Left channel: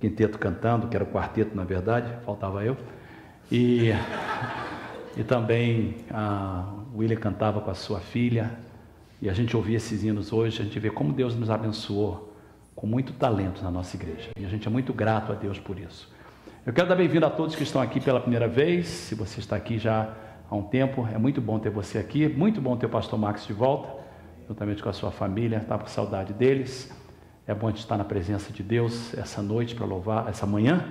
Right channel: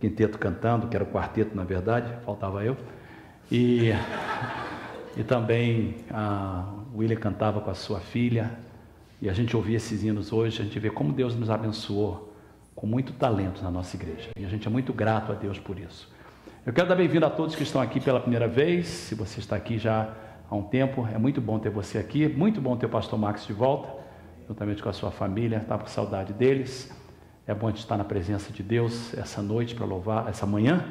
quinteto cantando, que era o quarteto na verdade, faltava eu, e também a William cantava com a sua filha, e a gente ouvia esses hinos hoje, a gente vê como Deus nos abençoou com muito talento na nossa igreja, e a gente é muito grato a Deus por isso. Eu quero dar bem-vindo a todos que estão aqui pela primeira vez. Se você está aqui já há um tempo, é muito bom ter você aqui, muito bom ter o pastor Max de volta, juntamente com a sua família, estava com saudade deles. É bom a gente estar na presença de Deus essa noite para louvar, essa manhã,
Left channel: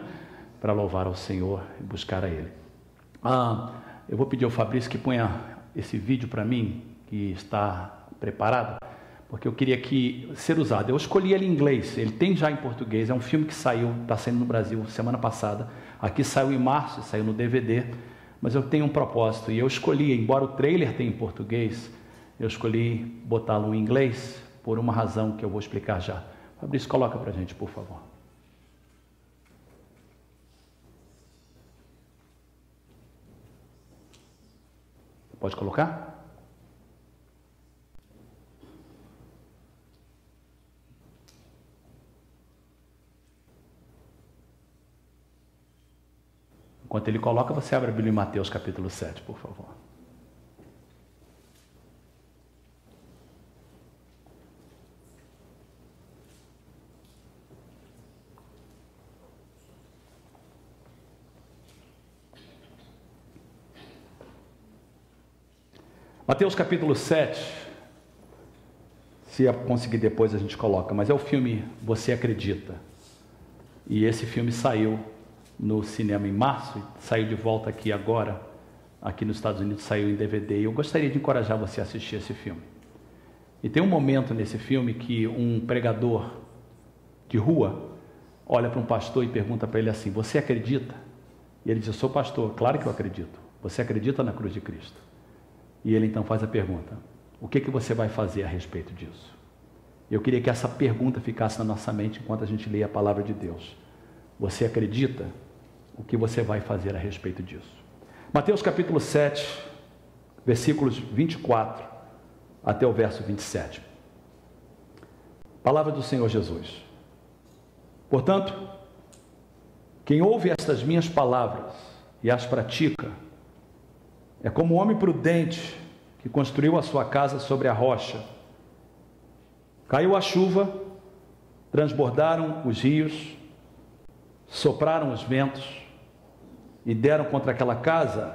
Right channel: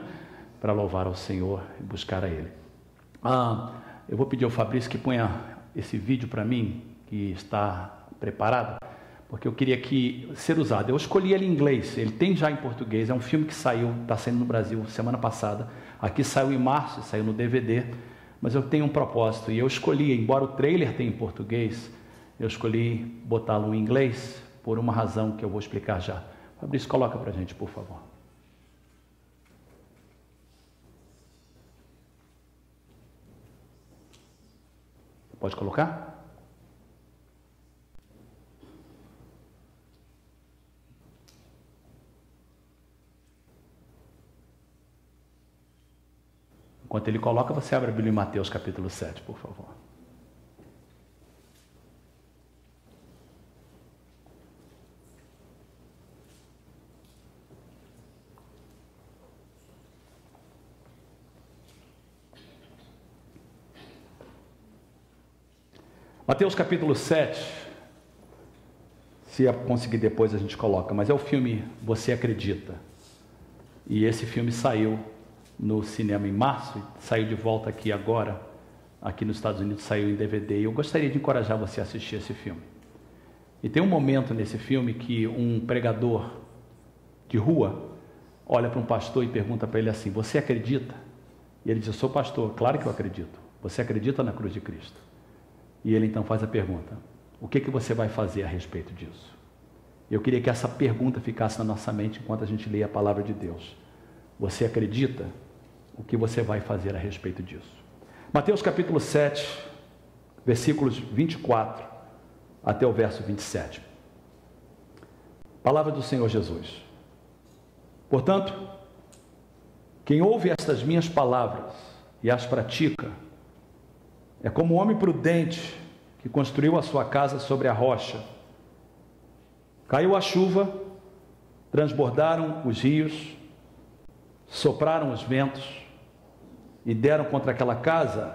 para louvar ao Senhor e buscar a Ele. Eu vou pedir ao Fabrício que ponha esse vídeo para mim, que está preparado, porque eu queria ser usado. Eu escolhi ele em inglês, ele tem já em português, é um filme que saiu, está saindo no Brasil semana passada, aqui saiu em março, saiu no DVD, mas eu tenho um propósito, e eu escolhi, embora o trailer tenha em português, eu escolhi botá-lo em inglês, por uma razão que eu vou explicar já. Fabrício, coloca para a gente, por favor. Pode colocar? Enquanto ele coloca, você abre a Bíblia em Mateus capítulo 7, por favor. Mateus capítulo 7, se conseguir depois a gente coloca, mas é o filme Você Acredita, e esse filme saiu no cinema em março, saiu de volta aqui agora, aqui nos Estados Unidos saiu em DVD, e eu gostaria de encorajar você a assistir esse filme. E tem um momento nesse filme que um pregador de rua olha para um pastor e pergunta para ele assim: você acredita? E ele diz: eu sou pastor, claro que eu acredito. Você acredita na cruz de Cristo? E ele então faz a pergunta: o que você vai fazer a respeito disso? Eu queria que essa pergunta ficasse na nossa mente enquanto a gente lê a palavra de Deus. Você acredita? O que você vai fazer a respeito disso? Mateus capítulo 7, versículos 24 até o verso 27. Palavra do Senhor Jesus. Portanto, quem ouve estas minhas palavras e as pratica é como um homem prudente que construiu a sua casa sobre a rocha. Caiu a chuva, transbordaram os rios, sopraram os ventos e deram contra aquela casa,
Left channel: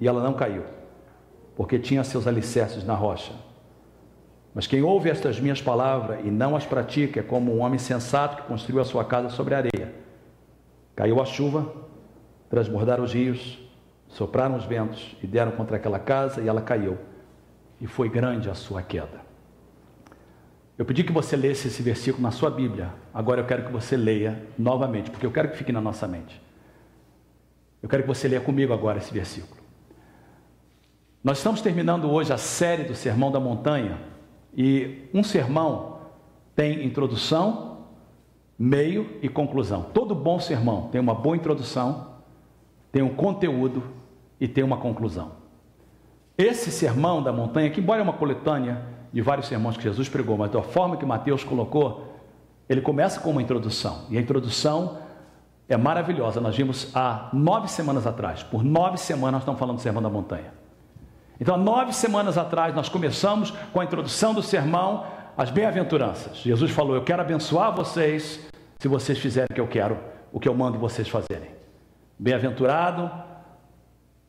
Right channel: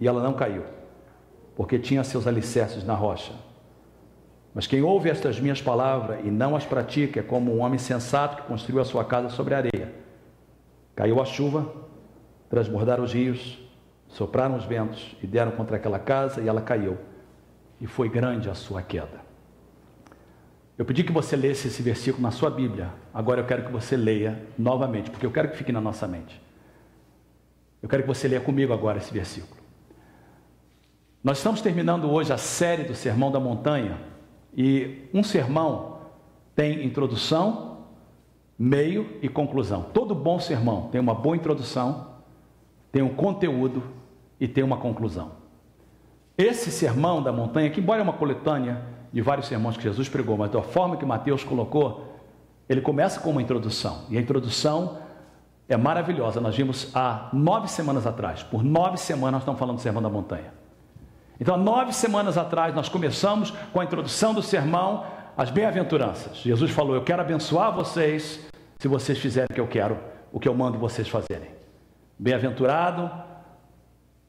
e ela não caiu, porque tinha seus alicerces na rocha. Mas quem ouve estas minhas palavras e não as pratica é como um homem sensato que construiu a sua casa sobre a areia. Caiu a chuva, transbordaram os rios, sopraram os ventos e deram contra aquela casa, e ela caiu, e foi grande a sua queda. Eu pedi que você lesse esse versículo na sua Bíblia. Agora eu quero que você leia novamente, porque eu quero que fique na nossa mente. Eu quero que você leia comigo agora esse versículo. Nós estamos terminando hoje a série do Sermão da Montanha, e um sermão tem introdução, meio e conclusão. Todo bom sermão tem uma boa introdução, tem um conteúdo e tem uma conclusão. Esse Sermão da Montanha, que embora é uma coletânea de vários sermões que Jesus pregou, mas da forma que Mateus colocou, ele começa com uma introdução, e a introdução é maravilhosa. Nós vimos há 9 semanas atrás, por 9 semanas nós estamos falando do Sermão da Montanha. Então há 9 semanas atrás nós começamos com a introdução do sermão, as bem-aventuranças. Jesus falou: eu quero abençoar vocês se vocês fizerem o que eu quero, o que eu mando vocês fazerem. Bem-aventurado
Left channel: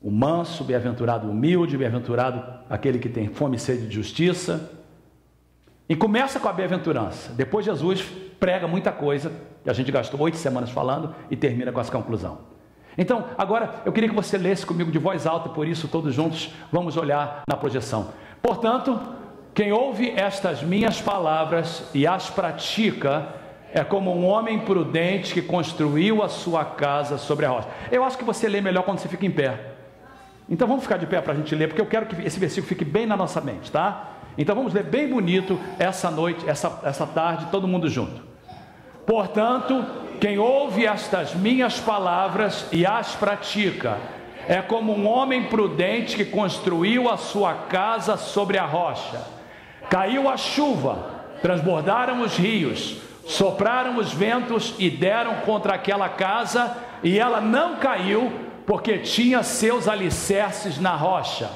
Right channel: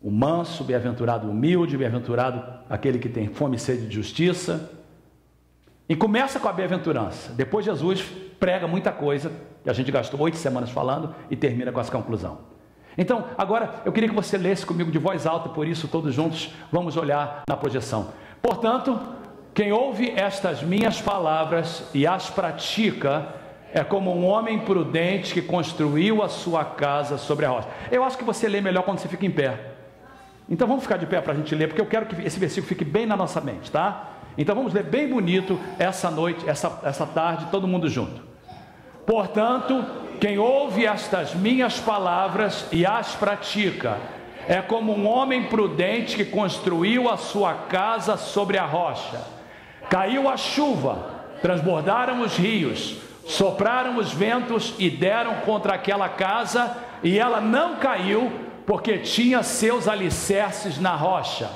o manso, bem-aventurado o humilde, bem-aventurado aquele que tem fome e sede de justiça. E começa com a bem-aventurança. Depois Jesus prega muita coisa, que a gente gastou 8 semanas falando, e termina com essa conclusão. Então, agora eu queria que você lesse comigo de voz alta, por isso todos juntos vamos olhar na projeção. Portanto, quem ouve estas minhas palavras e as pratica é como um homem prudente que construiu a sua casa sobre a rocha. Eu acho que você lê melhor quando você fica em pé. Então vamos ficar de pé para a gente ler, porque eu quero que esse versículo fique bem na nossa mente, tá? Então vamos ler bem bonito essa noite, essa tarde, todo mundo junto. Portanto, quem ouve estas minhas palavras e as pratica é como um homem prudente que construiu a sua casa sobre a rocha. Caiu a chuva, transbordaram os rios, Sopraram os ventos e deram contra aquela casa, e ela não caiu, porque tinha seus alicerces na rocha.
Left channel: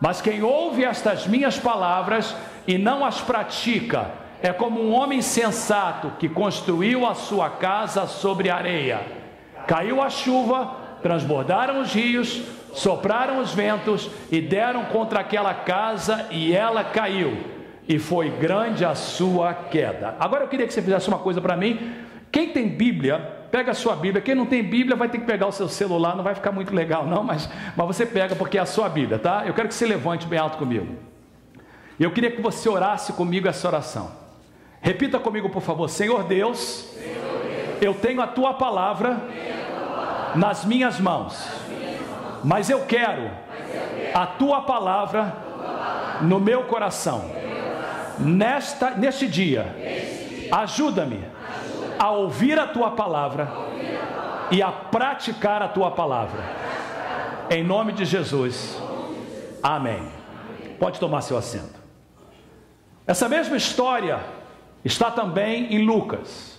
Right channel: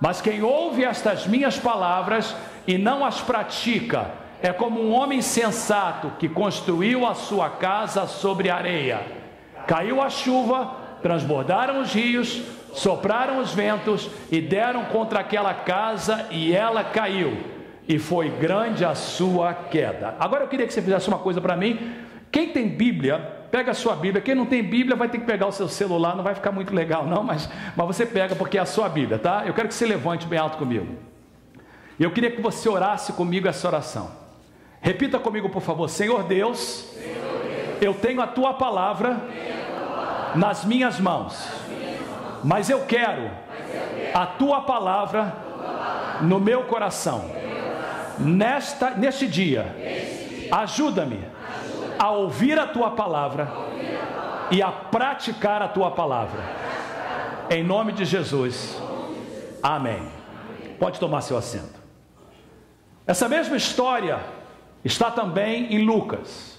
Mas quem ouve estas minhas palavras e não as pratica, é como um homem sensato que construiu a sua casa sobre areia. Caiu a chuva, transbordaram os rios, sopraram os ventos e deram contra aquela casa, e ela caiu, e foi grande a sua queda. Agora eu queria que você fizesse uma coisa para mim. Quem tem Bíblia, pega a sua Bíblia. Quem não tem Bíblia vai ter que pegar o seu celular. Não vai ficar muito legal não, mas você pega, porque é a sua Bíblia, tá? Eu quero que você levante bem alto comigo. Eu queria que você orasse comigo essa oração. Repita comigo, por favor. Senhor Deus, eu tenho a tua palavra nas minhas mãos, mas eu quero a tua palavra no meu coração. Neste dia, ajuda-me a ouvir a tua palavra e a praticar a tua palavra. Em nome de Jesus. Amém. Pode tomar seu assento. Essa mesma história está também em Lucas,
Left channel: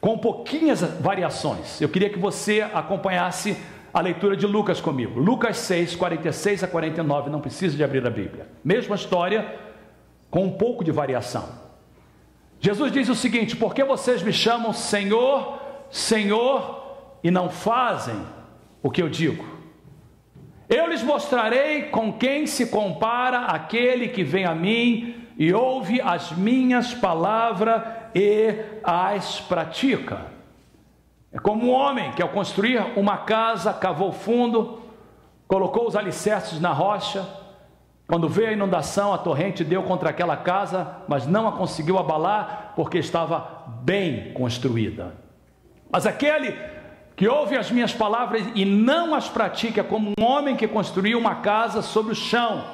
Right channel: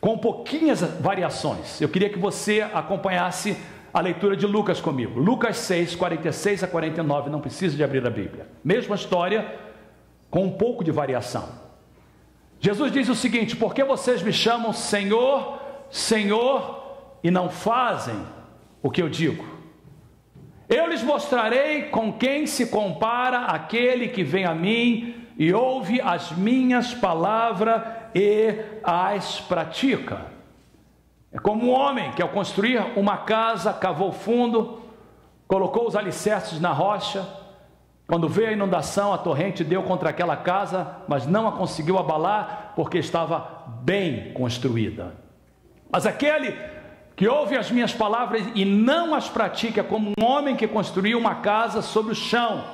com pouquinhas variações. Eu queria que você acompanhasse a leitura de Lucas comigo. Lucas 6, 46 a 49, não precisa de abrir a Bíblia. Mesma história, com um pouco de variação. Jesus diz o seguinte: por que vocês me chamam Senhor, Senhor, e não fazem o que eu digo? Eu lhes mostrarei com quem se compara aquele que vem a mim e ouve as minhas palavras e as pratica. É como um homem que, ao construir uma casa, cavou fundo, colocou os alicerces na rocha. Quando veio a inundação, a torrente deu contra aquela casa, mas não a conseguiu abalar, porque estava bem construída. Mas aquele que ouve as minhas palavras e não as pratica, é como um homem que construiu uma casa sobre o chão,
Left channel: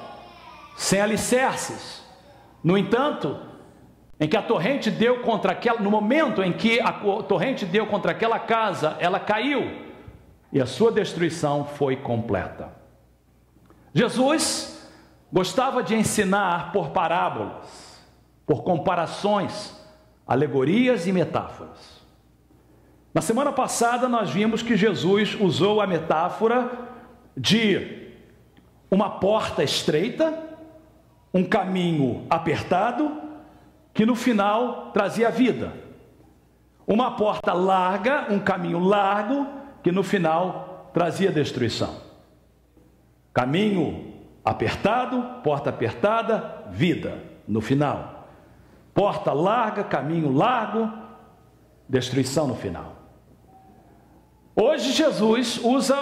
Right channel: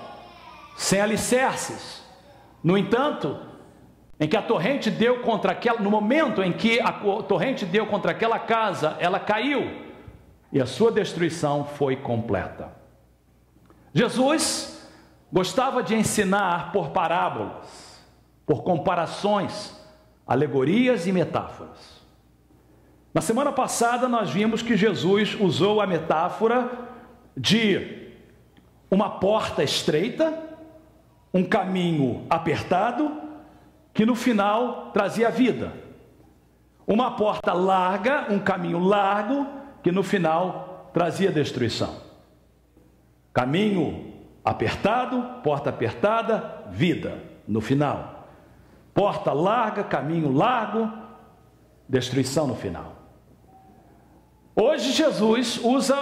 sem alicerces. No entanto, em que a torrente deu contra aquela, no momento em que a torrente deu contra aquela casa, ela caiu, e a sua destruição foi completa. Jesus gostava de ensinar por parábolas, por comparações, alegorias e metáforas. Na semana passada nós vimos que Jesus usou a metáfora de uma porta estreita, um caminho apertado, que no final trazia vida. Uma porta larga, um caminho largo, que no final trazia destruição. Caminho apertado, porta apertada, vida no final. Porta larga, caminho largo, destruição no final. Hoje Jesus usa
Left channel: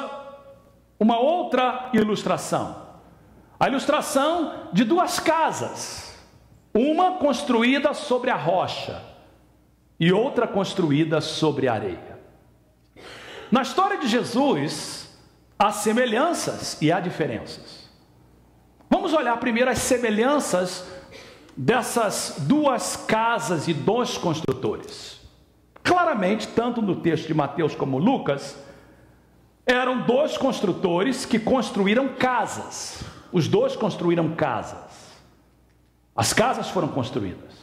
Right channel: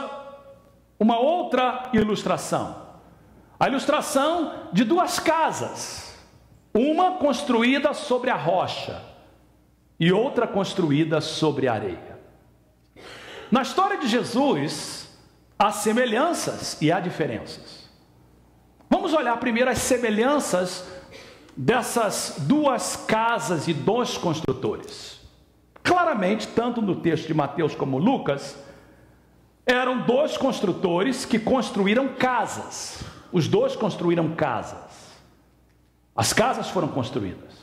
uma outra ilustração. A ilustração de duas casas. Uma construída sobre a rocha e outra construída sobre a areia. Na história de Jesus, há semelhanças e há diferenças. Vamos olhar primeiro as semelhanças dessas duas casas e dois construtores. Claramente, tanto no texto de Mateus como Lucas, eram dois construtores que construíram casas. Os dois construíram casas. As casas foram construídas.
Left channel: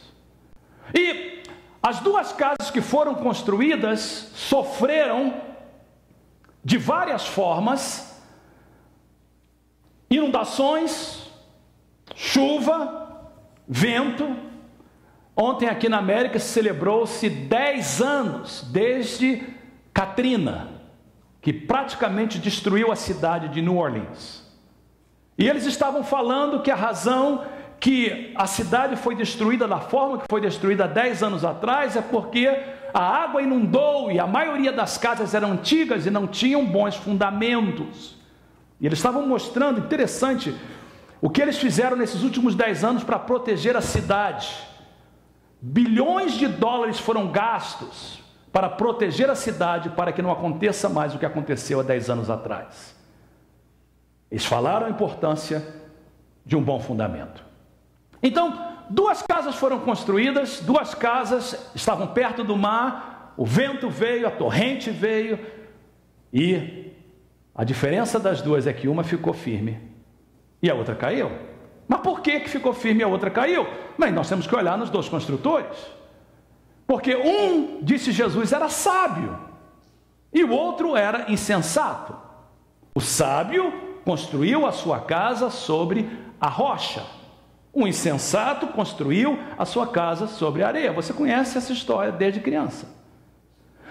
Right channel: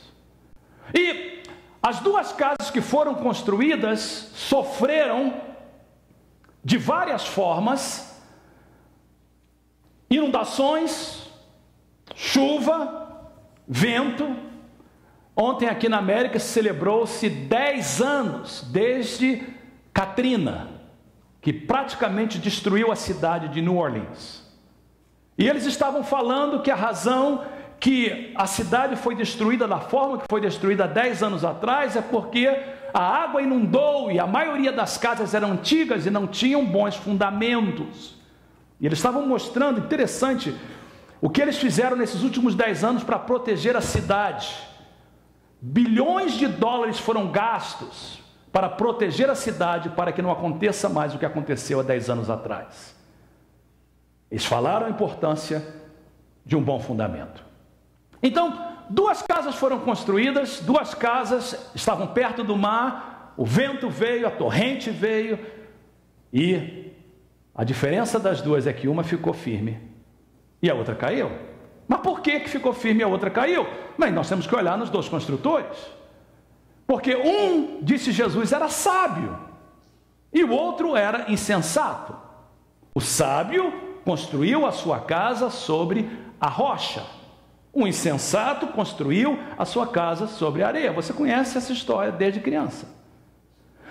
E as duas casas que foram construídas sofreram de várias formas: inundações, chuva, vento. Ontem aqui na América celebrou-se 10 anos desde Katrina, que praticamente destruiu a cidade de New Orleans. E eles estavam falando que a razão que a cidade foi destruída da forma que foi destruída 10 anos atrás é porque a água inundou e a maioria das casas eram antigas e não tinham bons fundamentos. E eles estavam mostrando, interessante, o que eles fizeram nesses últimos 10 anos para proteger a cidade. Bilhões de dólares foram gastos para proteger a cidade, para que não aconteça mais o que aconteceu há 10 anos atrás. Eles falaram a importância de um bom fundamento. Então, duas casas foram construídas, duas casas estavam perto do mar, o vento veio, a torrente veio, e a diferença das duas é que uma ficou firme e a outra caiu. Mas por que ficou firme e a outra caiu? Bem, nós temos que olhar nos dois construtores. Porque um, disse Jesus, era sábio e o outro era insensato. O sábio construiu a sua casa sobre a rocha. O insensato construiu a sua casa sobre a areia. Você conhece essa história desde criança.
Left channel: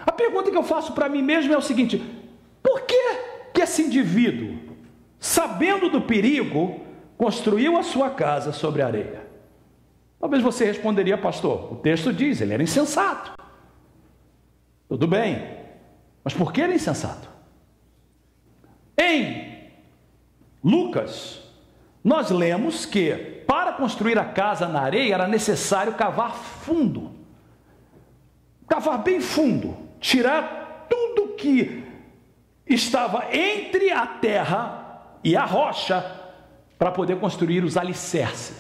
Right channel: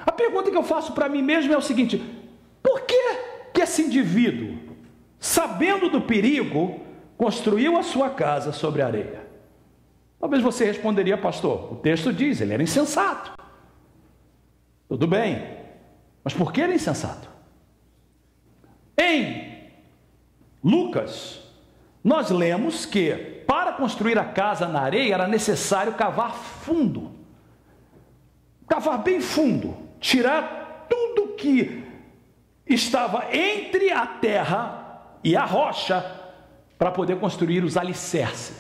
A pergunta que eu faço para mim mesmo é o seguinte: por que esse indivíduo, sabendo do perigo, construiu a sua casa sobre a areia? Talvez você responderia: pastor, o texto diz, ele era insensato. Tudo bem, mas por que ele é insensato? Em Lucas, nós lemos que para construir a casa na areia era necessário cavar fundo, cavar bem fundo, tirar tudo que estava entre a terra e a rocha para poder construir os alicerces.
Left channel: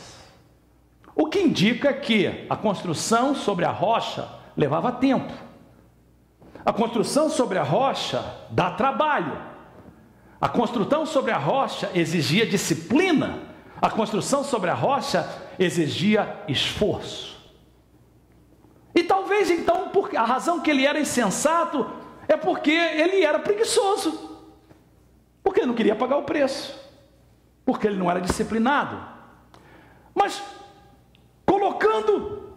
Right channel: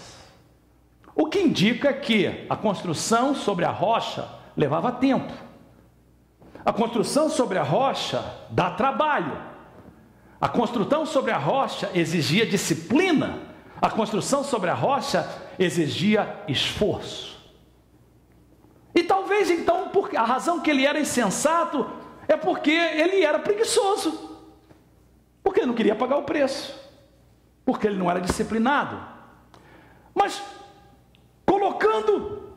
O que indica que a construção sobre a rocha levava tempo. A construção sobre a rocha dá trabalho. A construção sobre a rocha exigia disciplina. A construção sobre a rocha exigia esforço. E talvez então, a razão que ele era insensato é porque ele era preguiçoso. Porque ele não queria pagar o preço. Porque ele não era disciplinado. Mas, colocando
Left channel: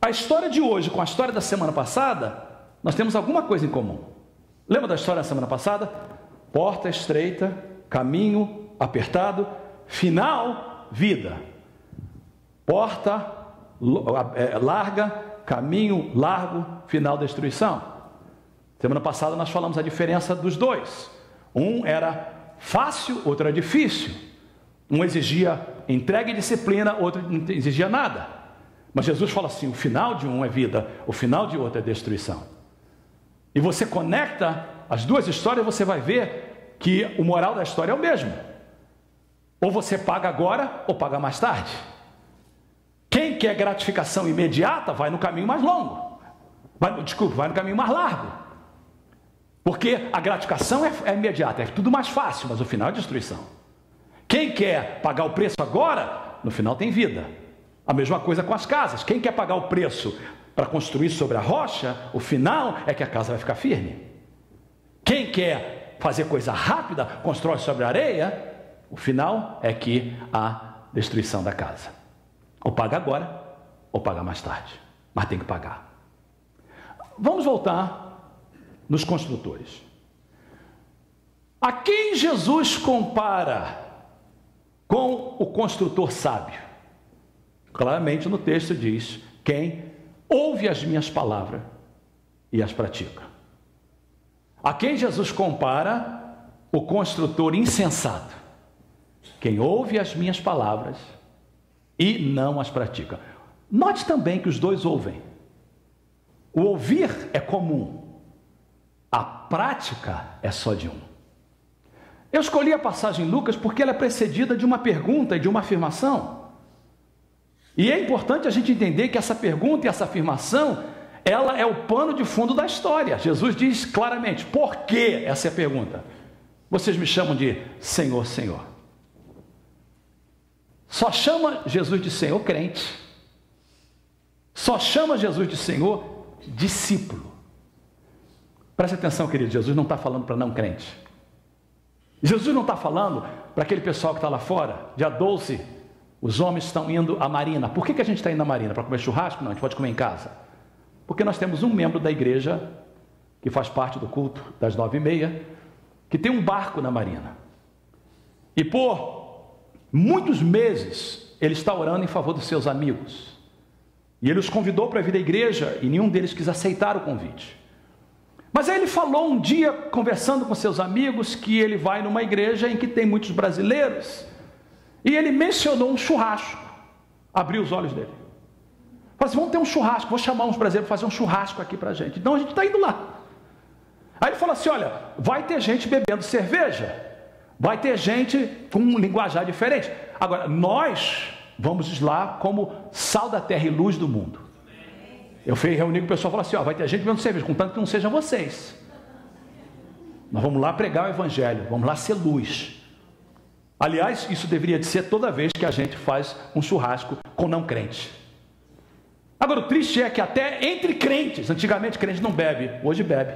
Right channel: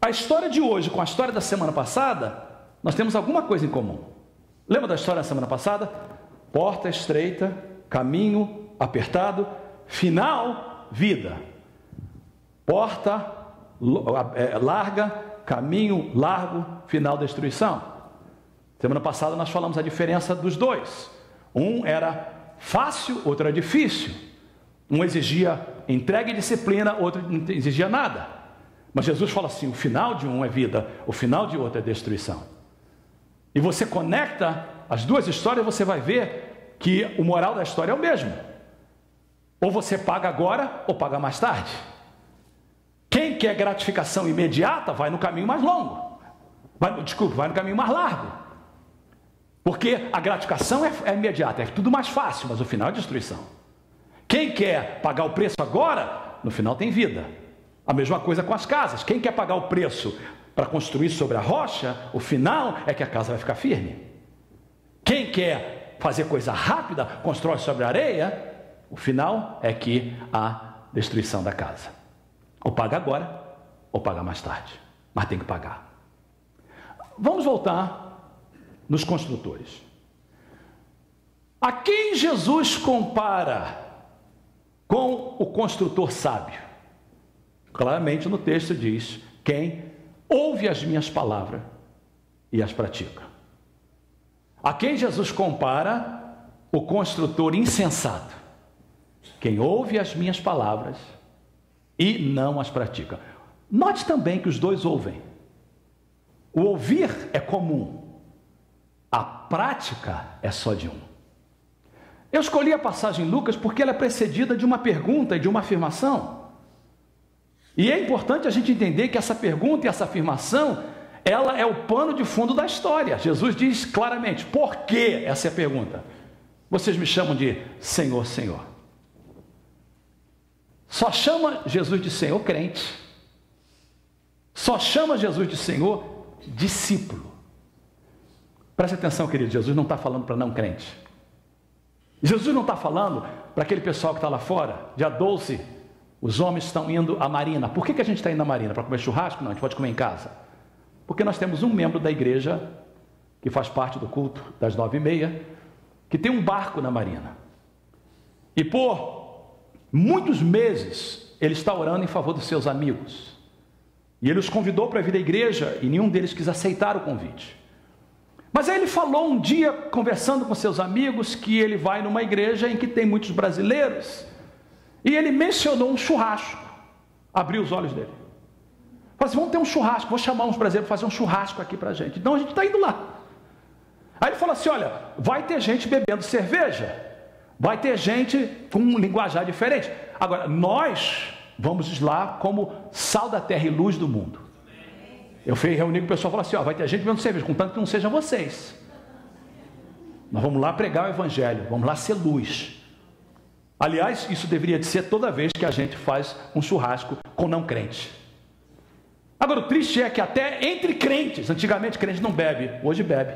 a história de hoje com a história da semana passada, nós temos alguma coisa em comum. Lembra da história da semana passada? Porta estreita, caminho apertado, final, vida. Porta larga, caminho largo, final, destruição. Semana passada nós falamos a diferença dos dois. Um era fácil, outro era difícil. Um exigia entrega e disciplina, outro não exigia nada. Mas Jesus fala assim: o final de um é vida, o final de outro é destruição. E você conecta as duas histórias, você vai ver que o moral da história é o mesmo. Ou você paga agora, ou paga mais tarde. Quem quer gratificação imediata, vai no caminho mais longo. Vai no caminho mais largo. Porque a gratificação é imediata, é tudo mais fácil, mas o final é destruição. Quem quer pagar o preço agora, no final tem vida. A mesma coisa com as casas. Quem quer pagar o preço para construir sobre a rocha, o final é que a casa vai ficar firme. Quem quer fazer coisa rápida, constrói sobre a areia, o final é que há destruição da casa. Ou paga agora, ou paga mais tarde. Mas tem que pagar. Vamos voltar nos construtores. A quem Jesus compara com o construtor sábio? Claramente no texto diz: quem ouve as minhas palavras e as pratica. A quem Jesus compara o construtor insensato? Quem ouve as minhas palavras e não as pratica. Note também que os dois ouvem. O ouvir é comum, a prática é só de um. Eu escolhi a passagem em Lucas porque ela é precedida de uma pergunta e de uma afirmação. E é importante a gente entender que essa pergunta e essa afirmação, ela é o pano de fundo da história. Jesus diz claramente: por que essa é a pergunta? Vocês me chamam de Senhor, Senhor. Só chama Jesus de Senhor crente. Só chama Jesus de Senhor discípulo. Preste atenção, querido, Jesus não está falando para não crente. Jesus não está falando para aquele pessoal que está lá fora. Dia 12, os homens estão indo à marina. Por que a gente está indo à marina? Para comer churrasco? Não, a gente pode comer em casa. Porque nós temos um membro da igreja, que faz parte do culto das 9h30, que tem um barco na marina. E por muitos meses, ele está orando em favor dos seus amigos. E ele os convidou para vir à igreja, e nenhum deles quis aceitar o convite. Mas aí ele falou um dia, conversando com seus amigos, que ele vai numa igreja em que tem muitos brasileiros. E ele mencionou um churrasco. Abriu os olhos dele. Falou assim: vamos ter um churrasco, vou chamar uns brasileiros para fazer um churrasco aqui para a gente. Então a gente está indo lá. Aí ele falou assim: olha, vai ter gente bebendo cerveja, vai ter gente com um linguajar diferente. Agora, nós vamos lá como sal da terra e luz do mundo. Eu fui reunir com o pessoal e falei assim: ó, vai ter gente bebendo cerveja, contanto que não sejam vocês. Nós vamos lá pregar o evangelho, vamos lá ser luz. Aliás, isso deveria de ser toda vez que a gente faz um churrasco com não crente. Agora, o triste é que até entre crentes, antigamente crente não bebe, hoje bebe.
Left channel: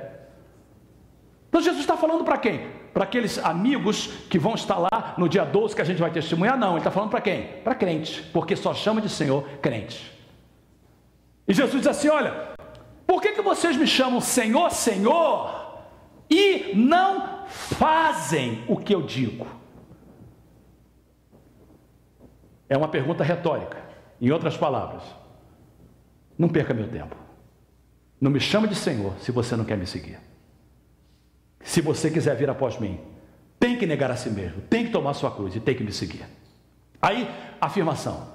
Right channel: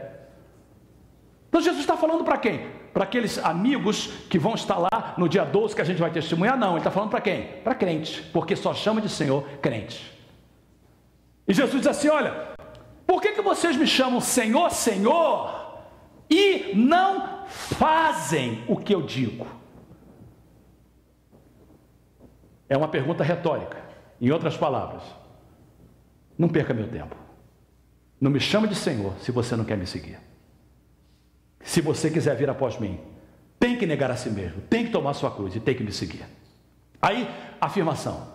Então Jesus está falando para quem? Para aqueles amigos que vão estar lá no dia 12 que a gente vai testemunhar? Não, ele está falando para quem? Para crente, porque só chama de Senhor crente. E Jesus diz assim: olha, por que vocês me chamam Senhor, Senhor, e não fazem o que eu digo? É uma pergunta retórica. Em outras palavras, não perca meu tempo. Não me chame de Senhor se você não quer me seguir. Se você quiser vir após mim, tem que negar a si mesmo, tem que tomar sua cruz e tem que me seguir. Aí, afirmação:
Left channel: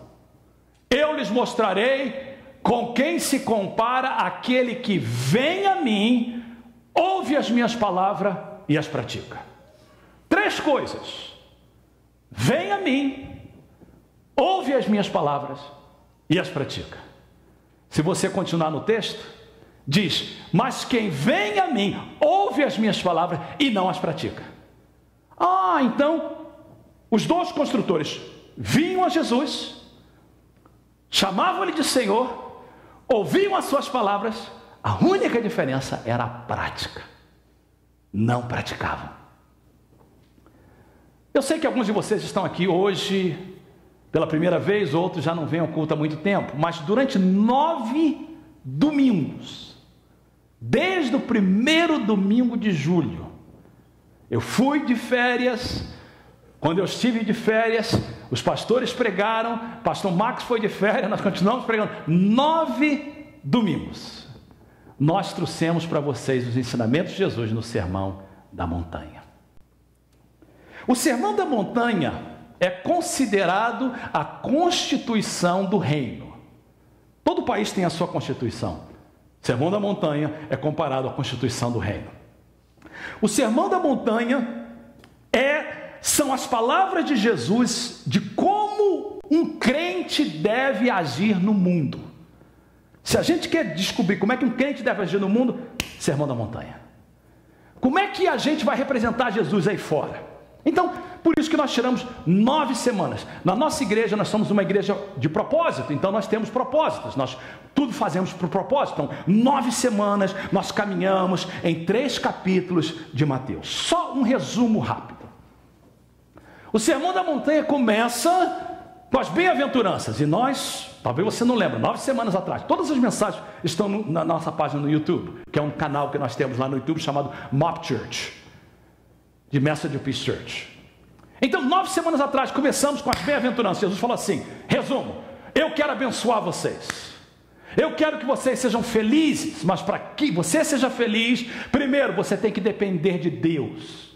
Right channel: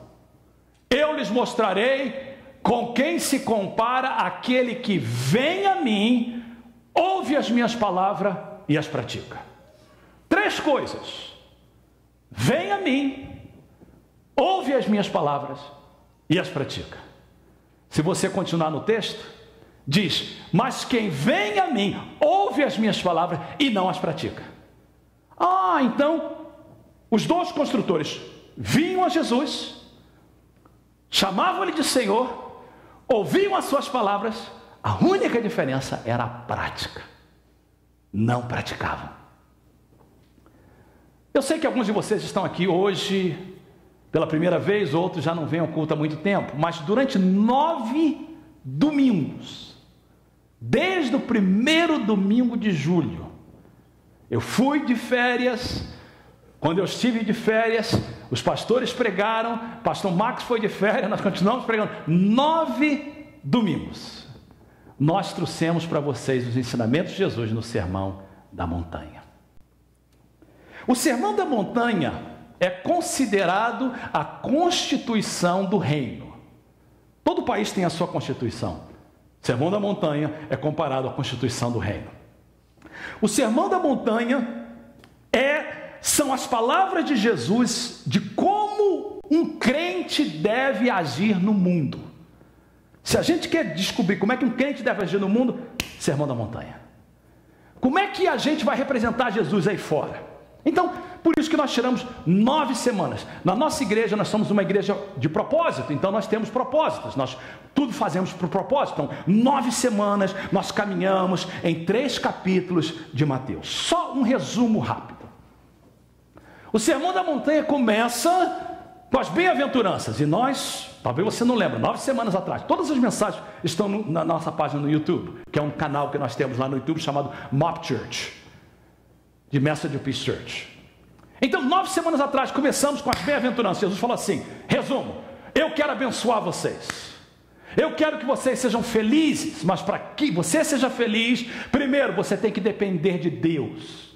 eu lhes mostrarei com quem se compara aquele que vem a mim, ouve as minhas palavras e as pratica. 3 coisas: vem a mim, ouve as minhas palavras e as pratica. Se você continuar no texto, diz: mas quem vem a mim, ouve as minhas palavras e não as pratica. Então, os 2 construtores vinham a Jesus, chamavam-lhe de Senhor, ouviam as suas palavras, a única diferença era a prática. Não praticavam. Eu sei que alguns de vocês estão aqui hoje pela primeira vez, outros já não vêm ao culto há muito tempo, mas durante 9 domingos, desde o primeiro domingo de julho, eu fui de férias. Quando eu estive de férias, os pastores pregaram, pastor Max foi de férias, nós continuamos pregando. 9 domingos nós trouxemos para vocês os ensinamentos de Jesus no Sermão da Montanha. O Sermão da Montanha é considerado a constituição do reino. Todo país tem a sua constituição. O Sermão da Montanha é comparado à constituição do reino. O Sermão da Montanha são as palavras de Jesus de como um crente deve agir no mundo. Se a gente quer descobrir como é que um crente deve agir no mundo, Sermão da Montanha. Como é que a gente vai representar Jesus aí fora? Então, por isso que nós tiramos 9 semanas. Na nossa igreja, nós somos uma igreja de propósito, então nós temos propósitos, nós tudo fazemos por propósito. Então, 9 semanas nós caminhamos em 3 capítulos de Mateus. Só um resumo rápido. O Sermão da Montanha começa com as bem-aventuranças, e nós, talvez você não lembre, 9 semanas atrás, todas as mensagens estão na nossa página no YouTube, que é um canal que nós temos lá no YouTube chamado Mop Church, de Message of Peace Church. Então, 9 semanas atrás, começamos com as bem-aventuranças. Jesus falou assim, resumo: eu quero abençoar vocês, eu quero que vocês sejam felizes, mas para que você seja feliz, primeiro você tem que depender de Deus.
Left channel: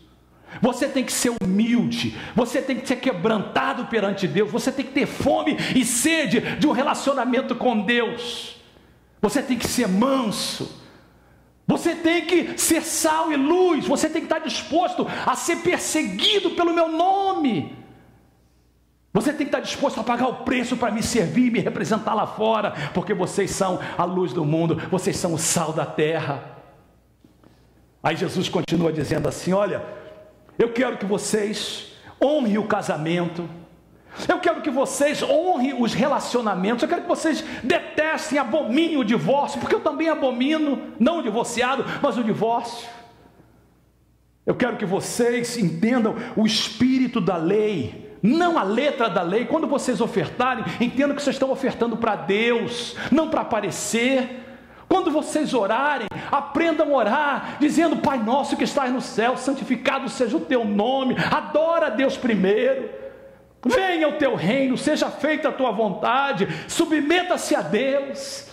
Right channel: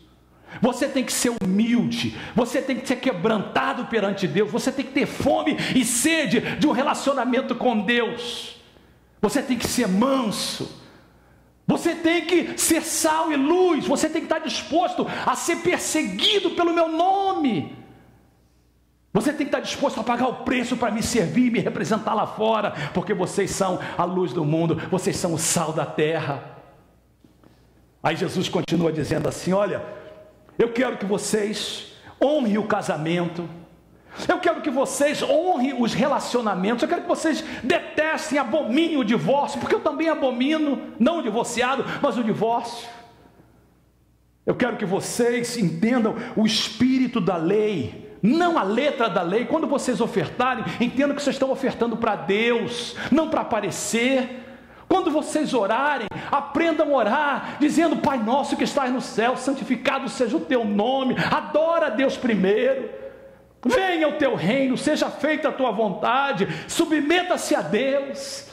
Você tem que ser humilde, você tem que ser quebrantado perante Deus, você tem que ter fome e sede de um relacionamento com Deus, você tem que ser manso, você tem que ser sal e luz, você tem que estar disposto a ser perseguido pelo meu nome, você tem que estar disposto a pagar o preço para me servir e me representar lá fora, porque vocês são a luz do mundo, vocês são o sal da terra. Aí Jesus continua dizendo assim, olha, eu quero que vocês honrem o casamento, eu quero que vocês honrem os relacionamentos, eu quero que vocês detestem, abominem o divórcio, porque eu também abomino, não o divorciado, mas o divórcio. Eu quero que vocês entendam o espírito da lei, não a letra da lei. Quando vocês ofertarem, entendam que vocês estão ofertando para Deus, não para aparecer. Quando vocês orarem, aprendam a orar, dizendo, Pai nosso que estás no céu, santificado seja o teu nome, adora a Deus primeiro, venha o teu reino, seja feita a tua vontade, submeta-se a Deus,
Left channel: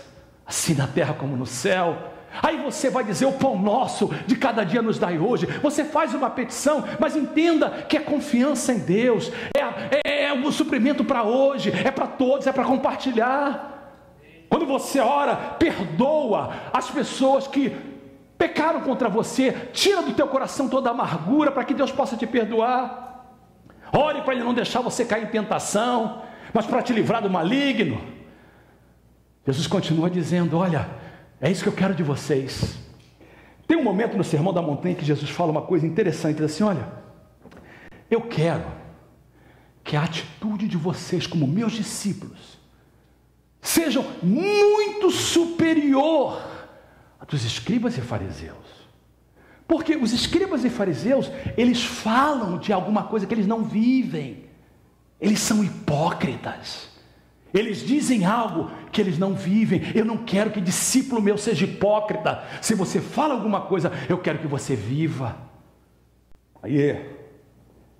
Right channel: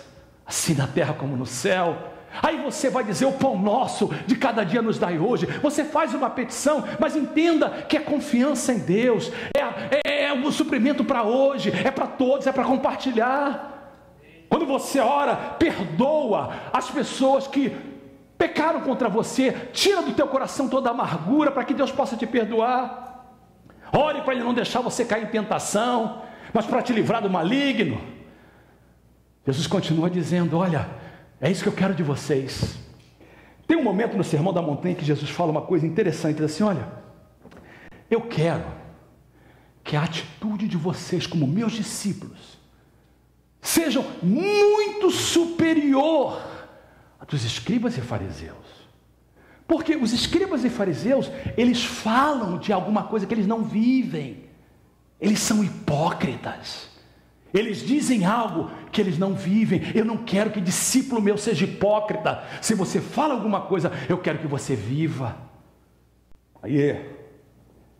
assim na terra como no céu. Aí você vai dizer, o pão nosso de cada dia nos dai hoje. Você faz uma petição, mas entenda que é confiança em Deus, é um suprimento para hoje, é para todos, é para compartilhar. Quando você ora, perdoa as pessoas que pecaram contra você, tira do teu coração toda a amargura para que Deus possa te perdoar. Ore para Ele não deixar você cair em tentação, mas para te livrar do maligno. Jesus continua dizendo, olha, é isso que eu quero de vocês. Tem um momento no Sermão da Montanha que Jesus fala uma coisa interessante, diz assim, olha, eu quero que a atitude de vocês como meus discípulos sejam muito superior a dos escribas e fariseus. Porque os escribas e fariseus, eles falam de alguma coisa que eles não vivem. Eles são hipócritas. Eles dizem algo que eles não vivem. Eu não quero que discípulo meu seja hipócrita. Se você fala alguma coisa, eu quero que você viva. Aí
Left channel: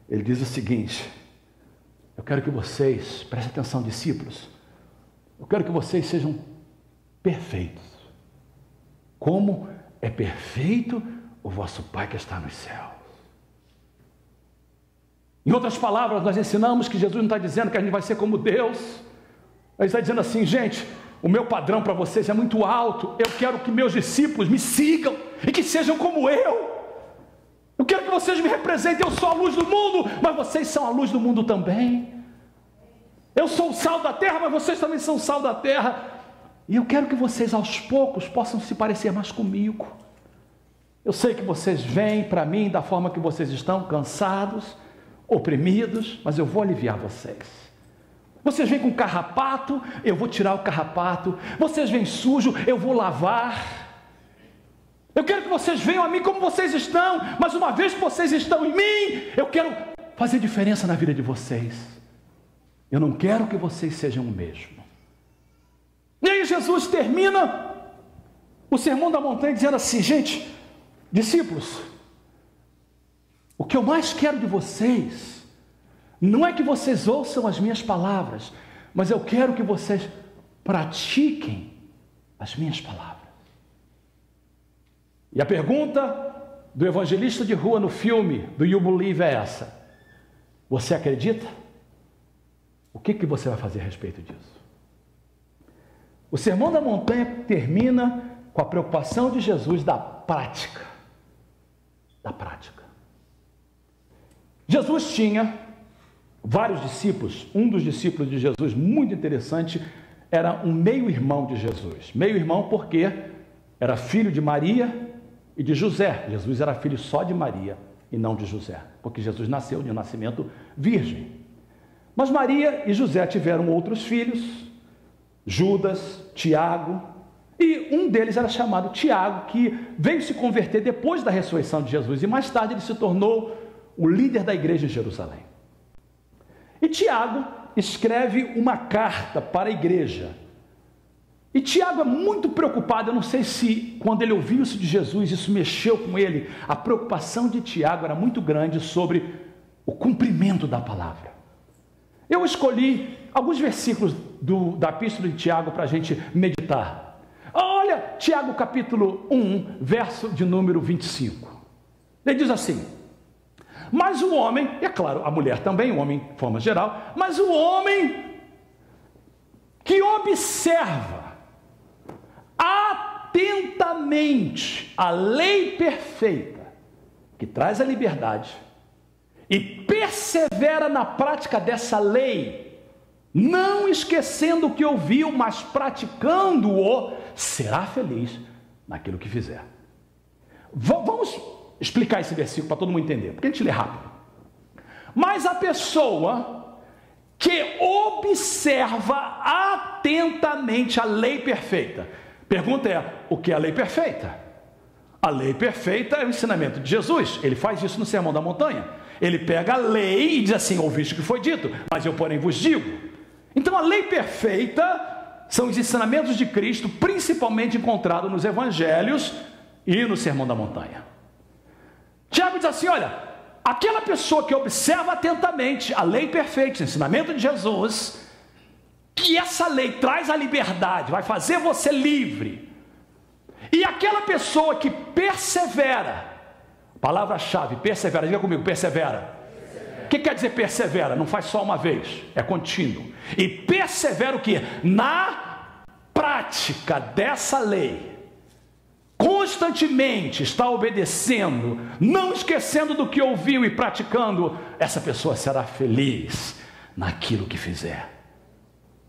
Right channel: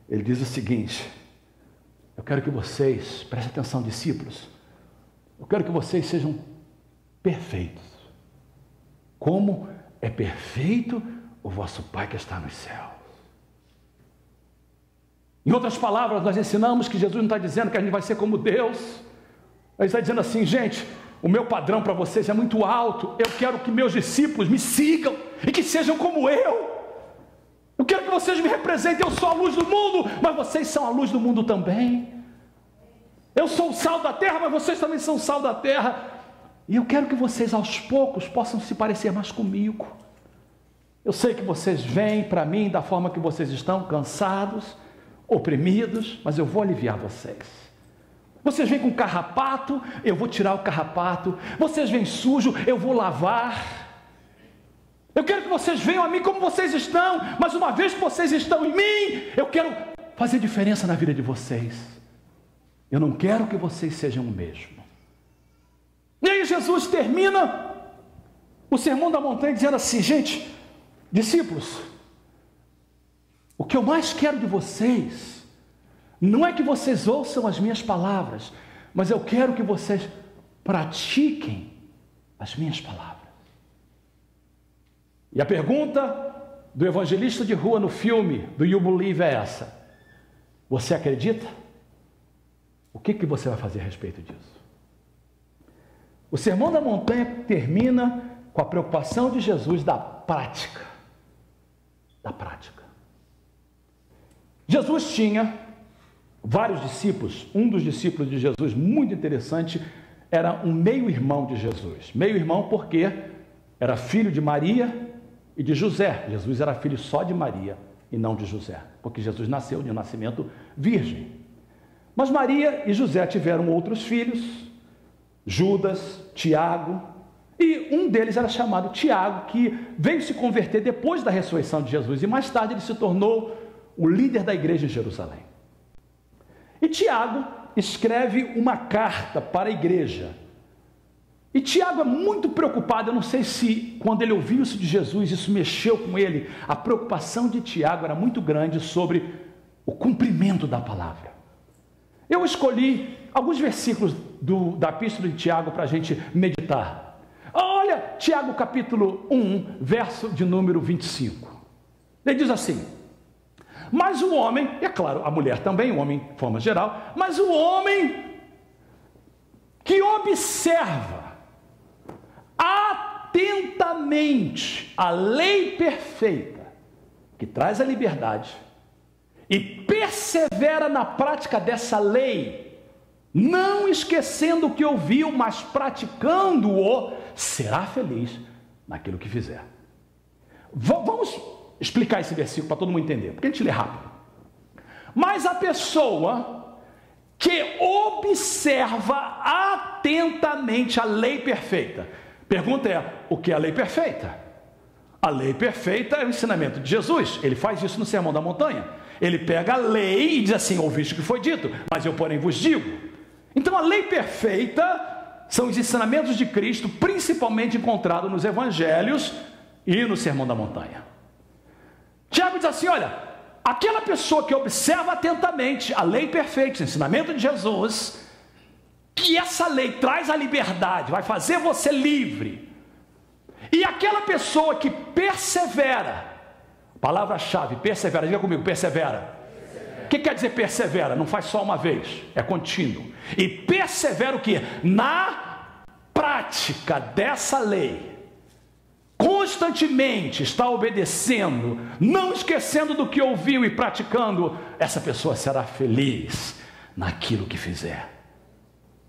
ele diz o seguinte: eu quero que vocês, prestem atenção, discípulos, eu quero que vocês sejam perfeitos, como é perfeito o vosso Pai que está nos céus. Em outras palavras, nós ensinamos que Jesus não está dizendo que a gente vai ser como Deus. Ele está dizendo assim: gente, o meu padrão para vocês é muito alto. Eu quero que meus discípulos me sigam e que sejam como eu. Eu quero que vocês me representem. Eu sou a luz do mundo, mas vocês são a luz do mundo também. Eu sou o sal da terra, mas vocês também são o sal da terra. E eu quero que vocês aos poucos possam se parecer mais comigo. Eu sei que vocês vêm para mim da forma que vocês estão, cansados, oprimidos, mas eu vou aliviar vocês. Vocês vêm com carrapato, eu vou tirar o carrapato. Vocês vêm sujo, eu vou lavar. Eu quero que vocês venham a mim como vocês estão, mas uma vez que vocês estão em mim, eu quero fazer diferença na vida de vocês. Eu não quero que vocês sejam o mesmo. E aí Jesus termina o Sermão da Montanha dizendo assim: gente, discípulos, o que eu mais quero de vocês não é que vocês ouçam as minhas palavras, mas eu quero que vocês pratiquem as minhas palavras. E a pergunta do evangelista de rua no filme do You Believe é essa: você acredita? O que você vai fazer a respeito disso? O Sermão da Montanha termina com a preocupação de Jesus da prática. Da prática. Jesus tinha vários discípulos. Um dos discípulos de Jesus, muito interessante, era um meio-irmão de Jesus. Meio-irmão porque era filho de Maria e de José. Jesus era filho só de Maria e não de José, porque Jesus nasceu de um nascimento virgem. Mas Maria e José tiveram outros filhos, Judas, Tiago, e um deles era chamado Tiago, que veio se converter depois da ressurreição de Jesus, e mais tarde ele se tornou o líder da igreja em Jerusalém. E Tiago escreve uma carta para a igreja. E Tiago é muito preocupado. Eu não sei se quando ele ouviu isso de Jesus, isso mexeu com ele. A preocupação de Tiago era muito grande sobre o cumprimento da palavra. Eu escolhi alguns versículos da epístola de Tiago para a gente meditar. Olha, Tiago capítulo 1, verso de número 25. Ele diz assim: mas o homem, é claro, a mulher também, o homem de forma geral, mas o homem que observa atentamente a lei perfeita, que traz a liberdade, e persevera na prática dessa lei, não esquecendo o que ouviu, mas praticando-o, será feliz naquilo que fizer. Vamos explicar esse versículo para todo mundo entender, porque a gente lê rápido. Mas a pessoa que observa atentamente a lei perfeita, pergunta é: o que é a lei perfeita? A lei perfeita é o ensinamento de Jesus. Ele faz isso no Sermão da Montanha. Ele pega a lei e diz assim: ouviste o que foi dito, mas eu porém vos digo. Então a lei perfeita são os ensinamentos de Cristo, principalmente encontrados nos evangelhos e no Sermão da Montanha. Tiago diz assim: olha, aquela pessoa que observa atentamente a lei perfeita, o ensinamento de Jesus, que essa lei traz a liberdade, vai fazer você livre. E aquela pessoa que persevera, palavra-chave, persevera, diga comigo, persevera. O que quer dizer persevera? Não faz só uma vez, é contínuo. E persevera o quê? Na prática dessa lei. Constantemente está obedecendo, não esquecendo do que ouviu e praticando, essa pessoa será feliz naquilo que fizer.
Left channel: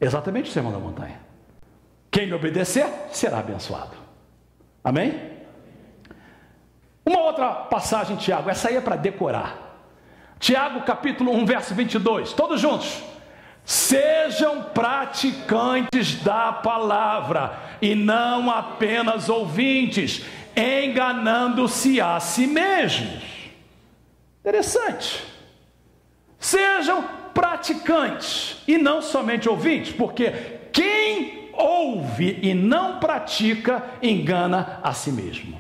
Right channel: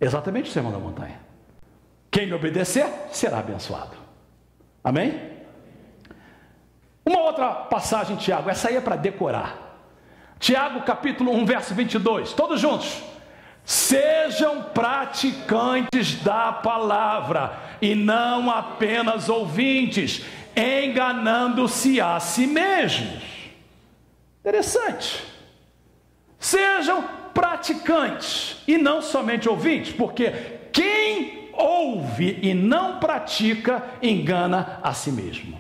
Exatamente o Sermão da Montanha. Quem lhe obedecer será abençoado. Amém? Uma outra passagem, Tiago, essa aí é para decorar. Tiago capítulo 1, verso 22, todos juntos. Sejam praticantes da palavra e não apenas ouvintes, enganando-se a si mesmos. Interessante. Sejam praticantes e não somente ouvintes, porque quem ouve e não pratica engana a si mesmo.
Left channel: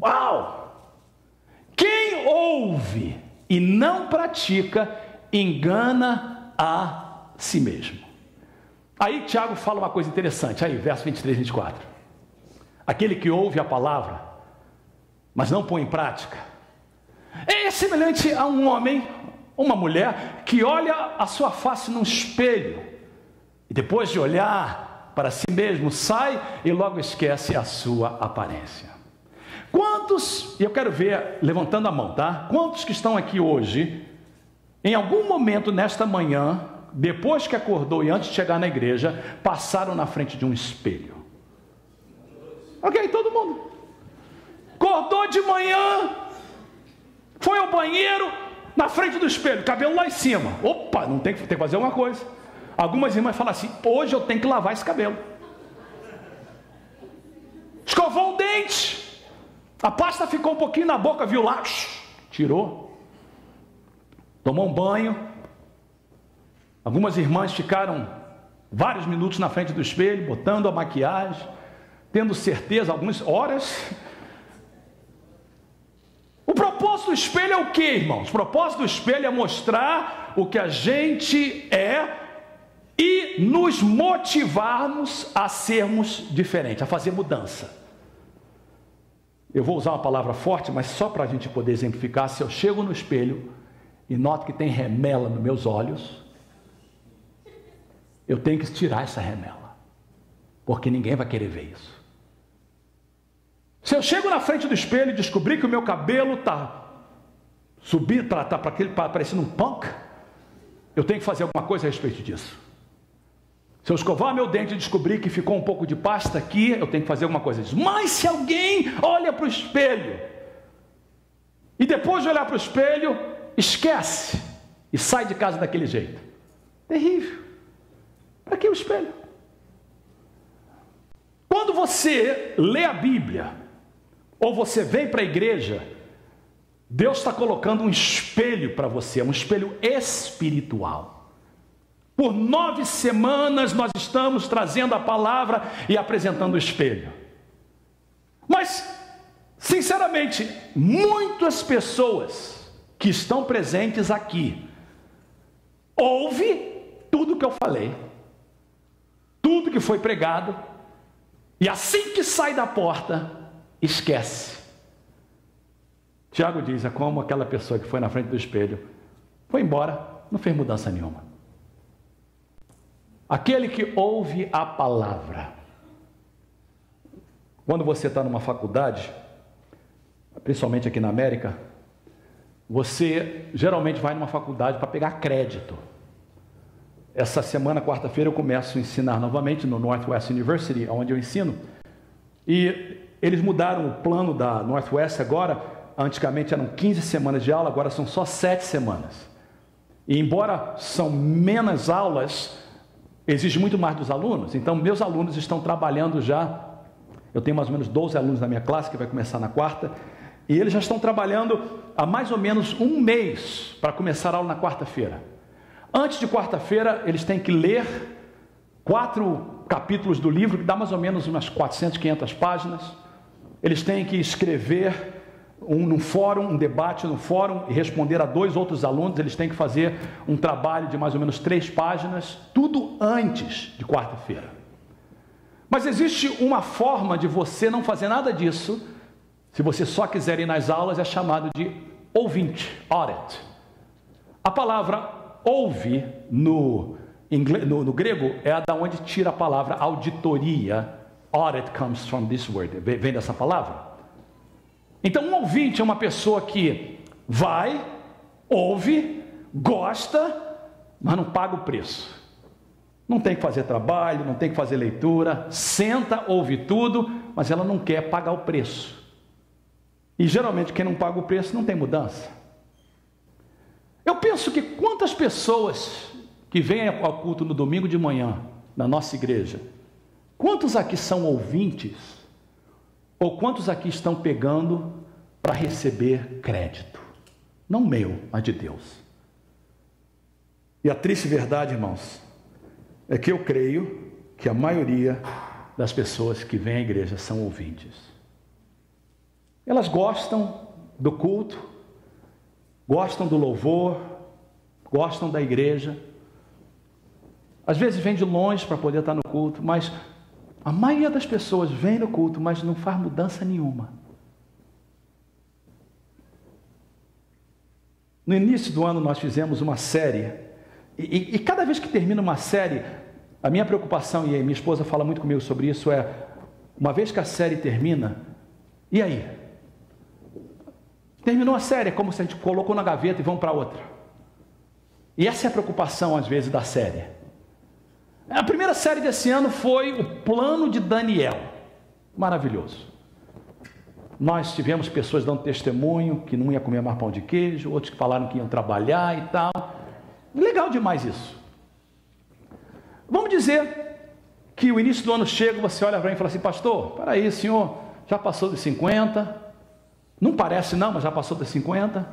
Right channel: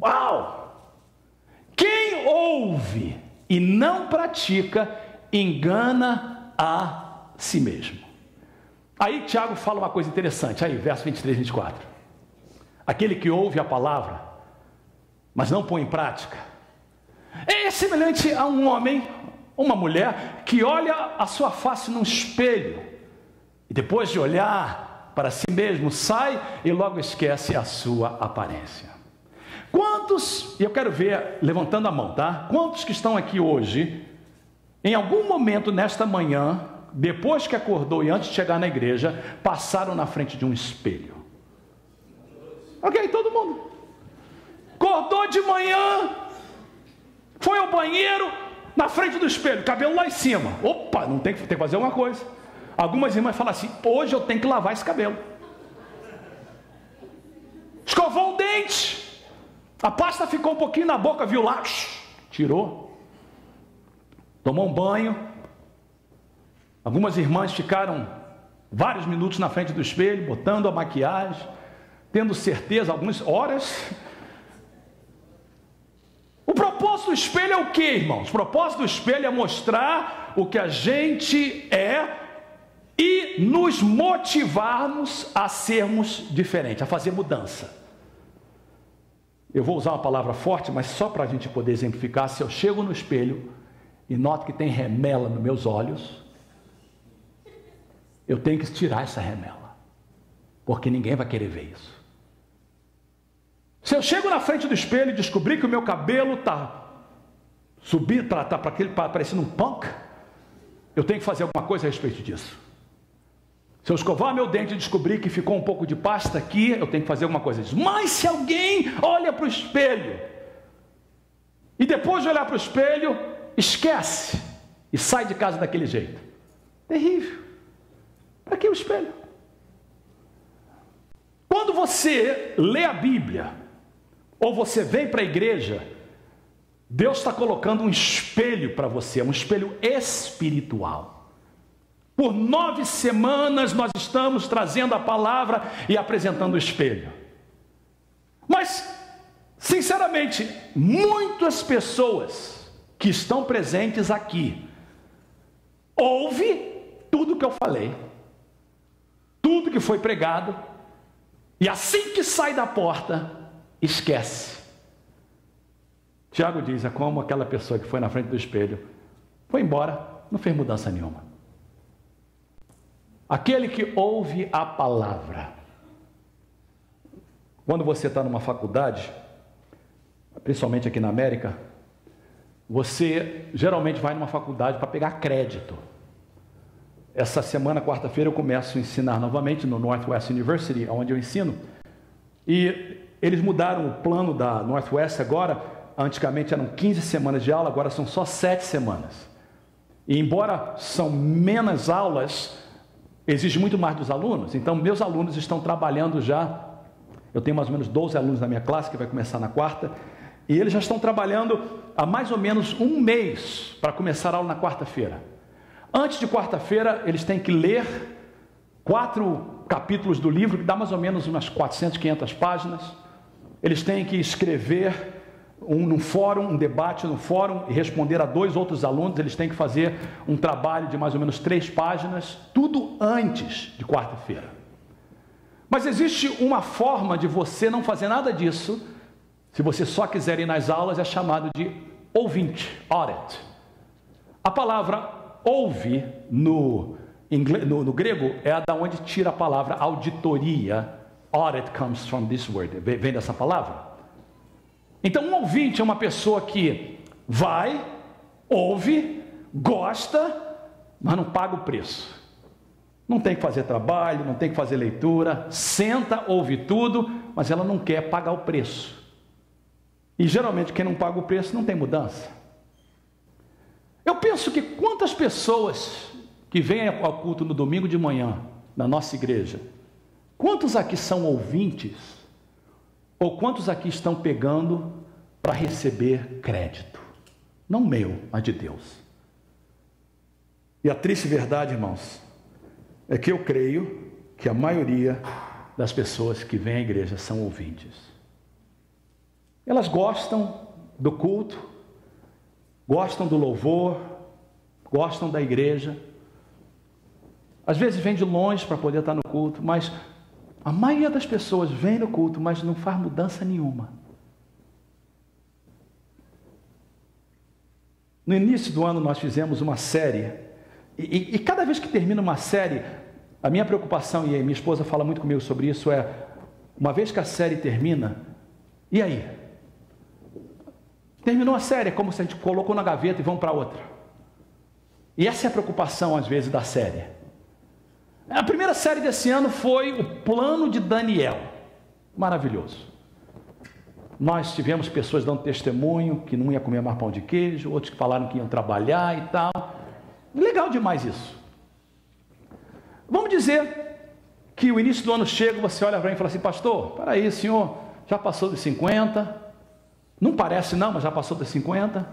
Uau! Quem ouve e não pratica engana a si mesmo. Aí Tiago fala uma coisa interessante, aí verso 23 e 24. Aquele que ouve a palavra, mas não põe em prática, é semelhante a um homem, uma mulher, que olha a sua face num espelho, e depois de olhar para si mesmo, sai e logo esquece a sua aparência. Quantos, eu quero ver, levantando a mão, tá? Quantos que estão aqui hoje, em algum momento nesta manhã, depois que acordou e antes de chegar na igreja, passaram na frente de um espelho? Ok, todo mundo. Acordou de manhã, foi ao banheiro, na frente do espelho, cabelo lá em cima. Opa, não tem que fazer alguma coisa. Algumas irmãs falam assim: hoje eu tenho que lavar esse cabelo. Escovou o dente, a pasta ficou um pouquinho na boca, viu lá, tirou. Tomou um banho. Algumas irmãs ficaram vários minutos na frente do espelho, botando a maquiagem, tendo certeza, algumas horas. O propósito do espelho é o que, irmãos? O propósito do espelho é mostrar o que a gente é e nos motivarmos a sermos diferentes, a fazer mudança. Eu vou usar uma palavra forte, mas só para a gente poder exemplificar. Se eu chego no espelho e noto que tem remela nos meus olhos, eu tenho que tirar essa remela, porque ninguém vai querer ver isso. Se eu chego na frente do espelho e descobrir que o meu cabelo está subindo, está parecendo um punk, eu tenho que fazer alguma coisa a respeito disso. Se eu escovar meu dente e descobrir que ficou um pouco de pasta aqui, eu tenho que fazer alguma coisa disso. Mas se alguém olha para o espelho e depois de olhar para o espelho, esquece e sai de casa daquele jeito, terrível. Para que o espelho? Quando você lê a Bíblia, ou você vem para a igreja, Deus está colocando um espelho para você, um espelho espiritual. Por 9 semanas nós estamos trazendo a palavra e apresentando o espelho. Mas, sinceramente, muitas pessoas que estão presentes aqui ouvem tudo que eu falei, tudo que foi pregado, e assim que sai da porta, esquece. Tiago diz: é como aquela pessoa que foi na frente do espelho, foi embora, não fez mudança nenhuma. Aquele que ouve a palavra. Quando você está numa faculdade, principalmente aqui na América, você geralmente vai numa faculdade para pegar crédito. Essa semana, quarta-feira, eu começo a ensinar novamente no Northwest University, onde eu ensino. E eles mudaram o plano da Northwest agora. Antigamente eram 15 semanas de aula, agora são só 7 semanas. E embora são menos aulas, exige muito mais dos alunos. Então meus alunos estão trabalhando já. Eu tenho mais ou menos 12 alunos na minha classe, que vai começar na quarta, e eles já estão trabalhando há mais ou menos um mês para começar a aula na quarta-feira. Antes de quarta-feira eles têm que ler 4 capítulos do livro, que dá mais ou menos umas 400, 500 páginas. Eles têm que escrever num fórum, um debate no fórum, e responder a 2 outros alunos. Eles têm que fazer um trabalho de mais ou menos 3 páginas, tudo antes de quarta-feira. Mas existe uma forma de você não fazer nada disso. Se você só quiser ir nas aulas, é chamado de ouvinte, audit. A palavra ouve no grego é da onde tira a palavra auditoria. Audit comes from this word, vem dessa palavra. Então um ouvinte é uma pessoa que vai, ouve, gosta, mas não paga o preço. Não tem que fazer trabalho, não tem que fazer leitura, senta, ouve tudo, mas ela não quer pagar o preço. E geralmente quem não paga o preço não tem mudança. Eu penso que quantas pessoas que vêm ao culto no domingo de manhã, na nossa igreja, quantos aqui são ouvintes? Ou quantos aqui estão pegando para receber crédito? Não meu, mas de Deus. E a triste verdade, irmãos, é que eu creio que a maioria das pessoas que vêm à igreja são ouvintes. Elas gostam do culto, gostam do louvor, gostam da igreja. Às vezes vem de longe para poder estar no culto, mas a maioria das pessoas vem no culto, mas não faz mudança nenhuma. No início do ano nós fizemos uma série, e cada vez que termina uma série, a minha preocupação, e a minha esposa fala muito comigo sobre isso, é, uma vez que a série termina, e aí? Terminou a série, é como se a gente colocou na gaveta e vamos para outra. E essa é a preocupação às vezes da série. A primeira série desse ano foi o Plano de Daniel. Maravilhoso. Nós tivemos pessoas dando testemunho que não ia comer mais pão de queijo, outros que falaram que iam trabalhar e tal. Legal demais isso. Vamos dizer que o início do ano chega, você olha para mim e fala assim: pastor, para aí, senhor, já passou dos 50, não parece não, mas já passou dos 50,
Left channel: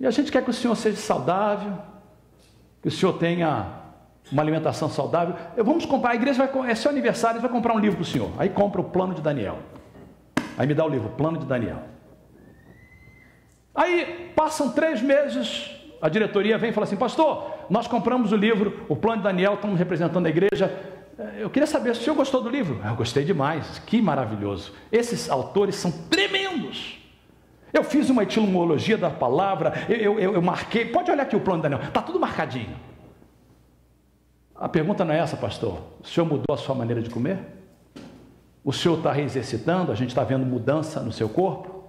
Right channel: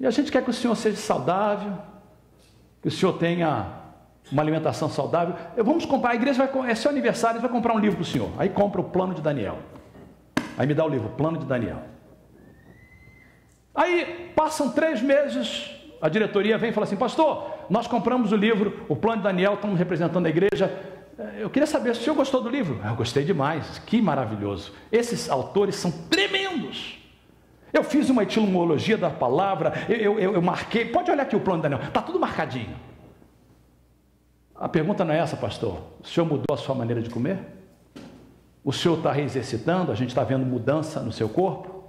e a gente quer que o senhor seja saudável, que o senhor tenha uma alimentação saudável. Vamos comprar, a igreja vai, é seu aniversário, vai comprar um livro para o senhor. Aí compra o Plano de Daniel. Aí me dá o livro, Plano de Daniel. Aí passam 3 meses, a diretoria vem e fala assim: pastor, nós compramos o livro, o Plano de Daniel, estamos representando a igreja. Eu queria saber se o senhor gostou do livro. Eu gostei demais, que maravilhoso. Esses autores são tremendos. Eu fiz uma etimologia da palavra, eu marquei, pode olhar aqui o Plano de Daniel, está tudo marcadinho. A pergunta não é essa, pastor. O senhor mudou a sua maneira de comer? O senhor está reexercitando? A gente está vendo mudança no seu corpo?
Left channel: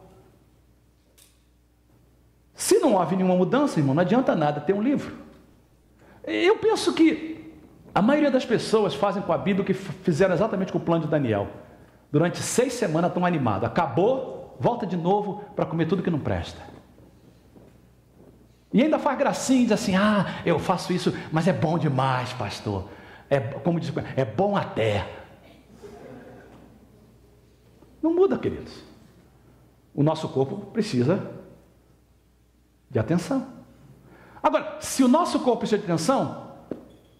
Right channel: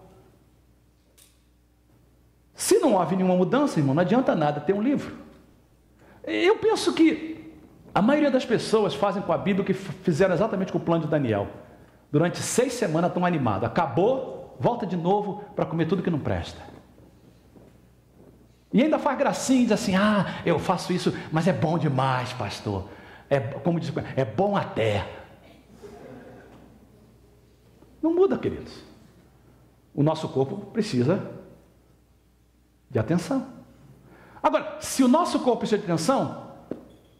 Se não houve nenhuma mudança, irmão, não adianta nada ter um livro. Eu penso que a maioria das pessoas fazem com a Bíblia o que fizeram exatamente com o Plano de Daniel. Durante 6 semanas estão animados. Acabou, volta de novo para comer tudo que não presta. E ainda faz gracinha e diz assim: ah, eu faço isso, mas é bom demais, pastor. Como diz, é bom até. Não muda, queridos. O nosso corpo precisa de atenção. Agora, se o nosso corpo precisa de atenção,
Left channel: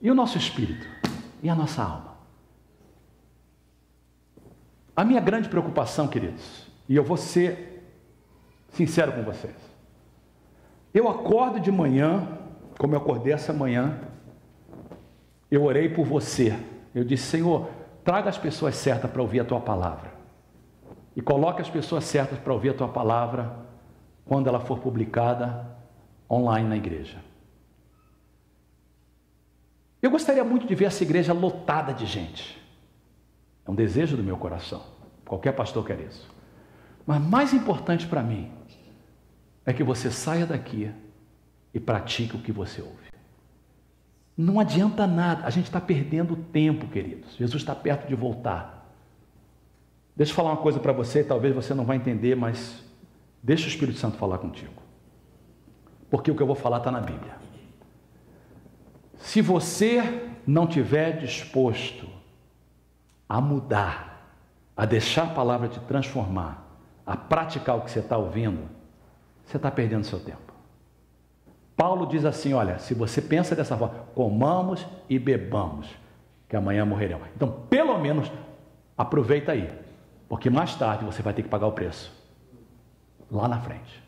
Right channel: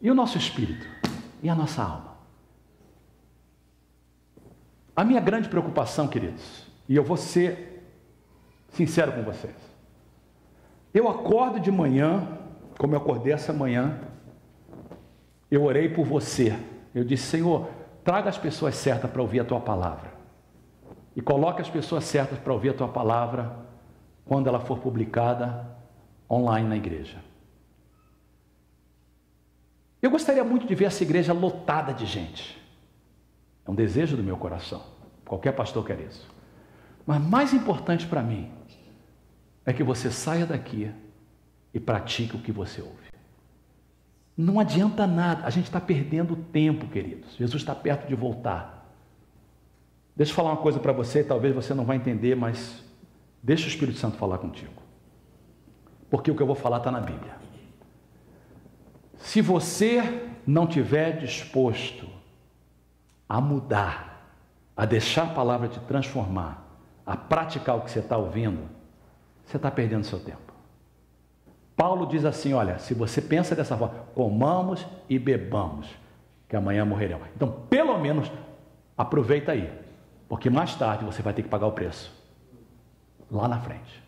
e o nosso espírito? E a nossa alma? A minha grande preocupação, queridos, e eu vou ser sincero com vocês, eu acordo de manhã, como eu acordei essa manhã, eu orei por você, eu disse: Senhor, traga as pessoas certas para ouvir a Tua palavra, e coloque as pessoas certas para ouvir a Tua palavra, quando ela for publicada online na igreja. Eu gostaria muito de ver essa igreja lotada de gente, é um desejo do meu coração, qualquer pastor quer isso, mas mais importante para mim, é que você saia daqui e pratique o que você ouve. Não adianta nada, a gente está perdendo tempo, queridos. Jesus está perto de voltar. Deixa eu falar uma coisa para você, talvez você não vai entender, mas deixa o Espírito Santo falar contigo. Porque o que eu vou falar está na Bíblia. Se você não tiver disposto a mudar, a deixar a palavra te transformar, a praticar o que você está ouvindo, você está perdendo seu tempo. Paulo diz assim: olha, se você pensa dessa forma, comamos e bebamos, que amanhã morreremos. Então, pelo menos, aproveita aí, porque mais tarde você vai ter que pagar o preço, lá na frente.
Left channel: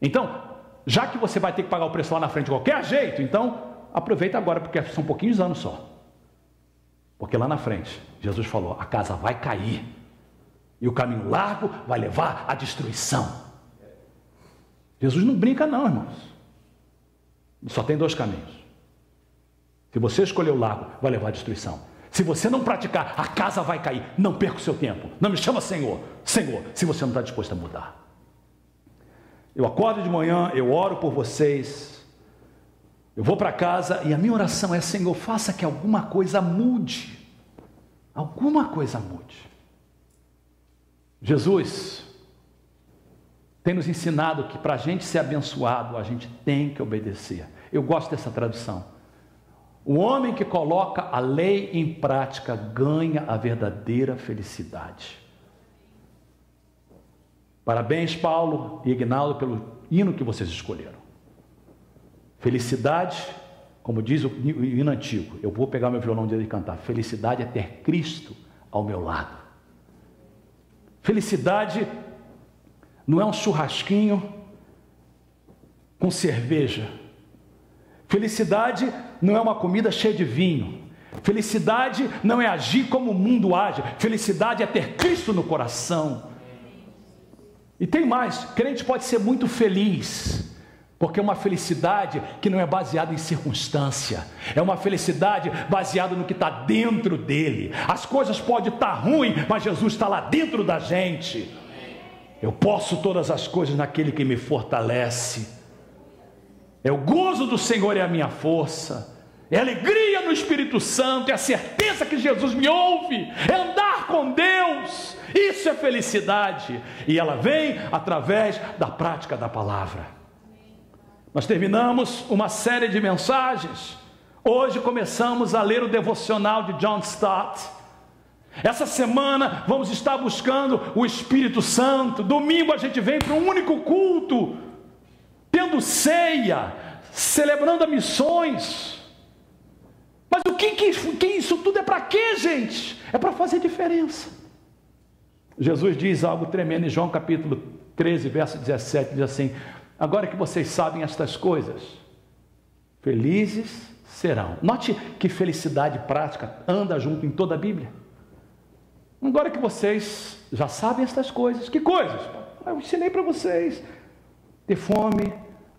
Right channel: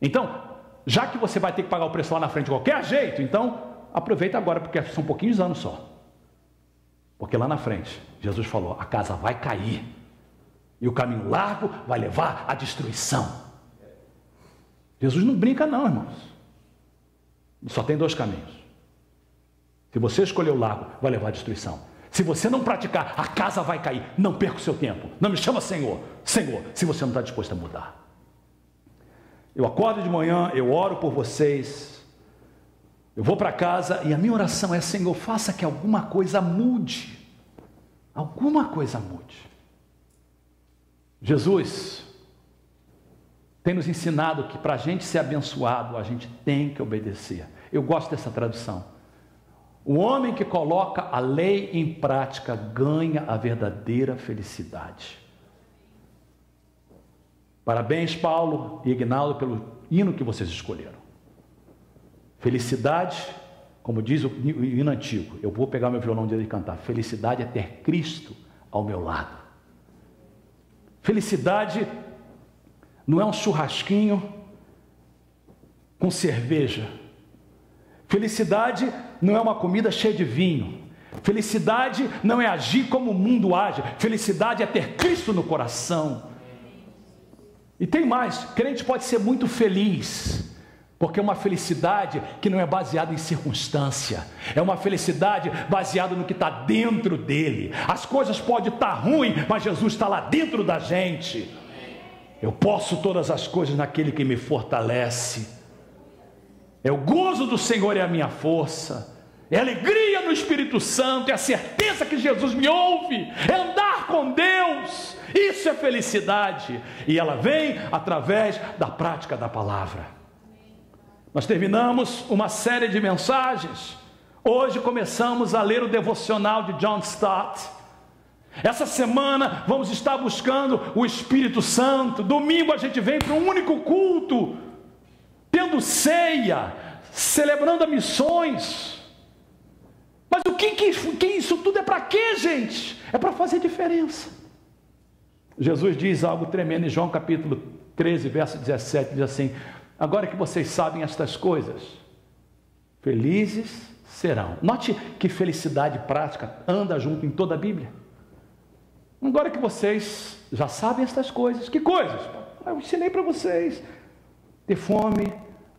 Então, já que você vai ter que pagar o preço lá na frente de qualquer jeito, então, aproveita agora, porque são pouquinhos anos só. Porque lá na frente, Jesus falou, a casa vai cair, e o caminho largo vai levar à destruição. Jesus não brinca não, irmãos. Só tem 2 caminhos. Se você escolher o largo, vai levar à destruição. Se você não praticar, a casa vai cair. Não perca o seu tempo. Não me chama Senhor. Senhor, se você não está disposto a mudar. Eu acordo de manhã, eu oro por vocês. Eu vou para casa e a minha oração é: Senhor, faça que alguma coisa mude. Alguma coisa mude. Jesus tem nos ensinado que para a gente ser abençoado, a gente tem que obedecer. Eu gosto dessa tradução. O homem que coloca a lei em prática ganha a verdadeira felicidade. Parabéns, Paulo e Ignaldo, pelo hino que vocês escolheram. Felicidade, como diz o hino antigo, eu vou pegar meu violão dele e cantar. Felicidade é ter Cristo ao meu lado. Felicidade não é um churrasquinho com cerveja. Felicidade não é uma comida cheia de vinho. Felicidade não é agir como o mundo age. Felicidade é ter Cristo no coração. E tem mais, crente pode ser muito feliz, porque é uma felicidade que não é baseada em circunstância, é uma felicidade baseada no que está dentro dele. As coisas podem estar ruins, mas Jesus está lá dentro da gente. Eu posso todas as coisas naquele que me fortalece. É o gozo do Senhor, é a minha força, é a alegria no Espírito Santo, é a certeza que Jesus me ouve, é andar com Deus. Isso é felicidade, e ela vem através da prática da palavra. Nós terminamos uma série de mensagens. Hoje começamos a ler o devocional de John Stott. Essa semana vamos estar buscando o Espírito Santo. Domingo a gente vem para um único culto, tendo ceia, celebrando missões. Mas o que isso tudo é para quê, gente? É para fazer diferença. Jesus diz algo tremendo em João capítulo 13, verso 17, diz assim: agora que vocês sabem estas coisas, felizes serão. Note que felicidade prática anda junto em toda a Bíblia. Agora que vocês já sabem estas coisas, que coisas? Eu ensinei para vocês: ter fome,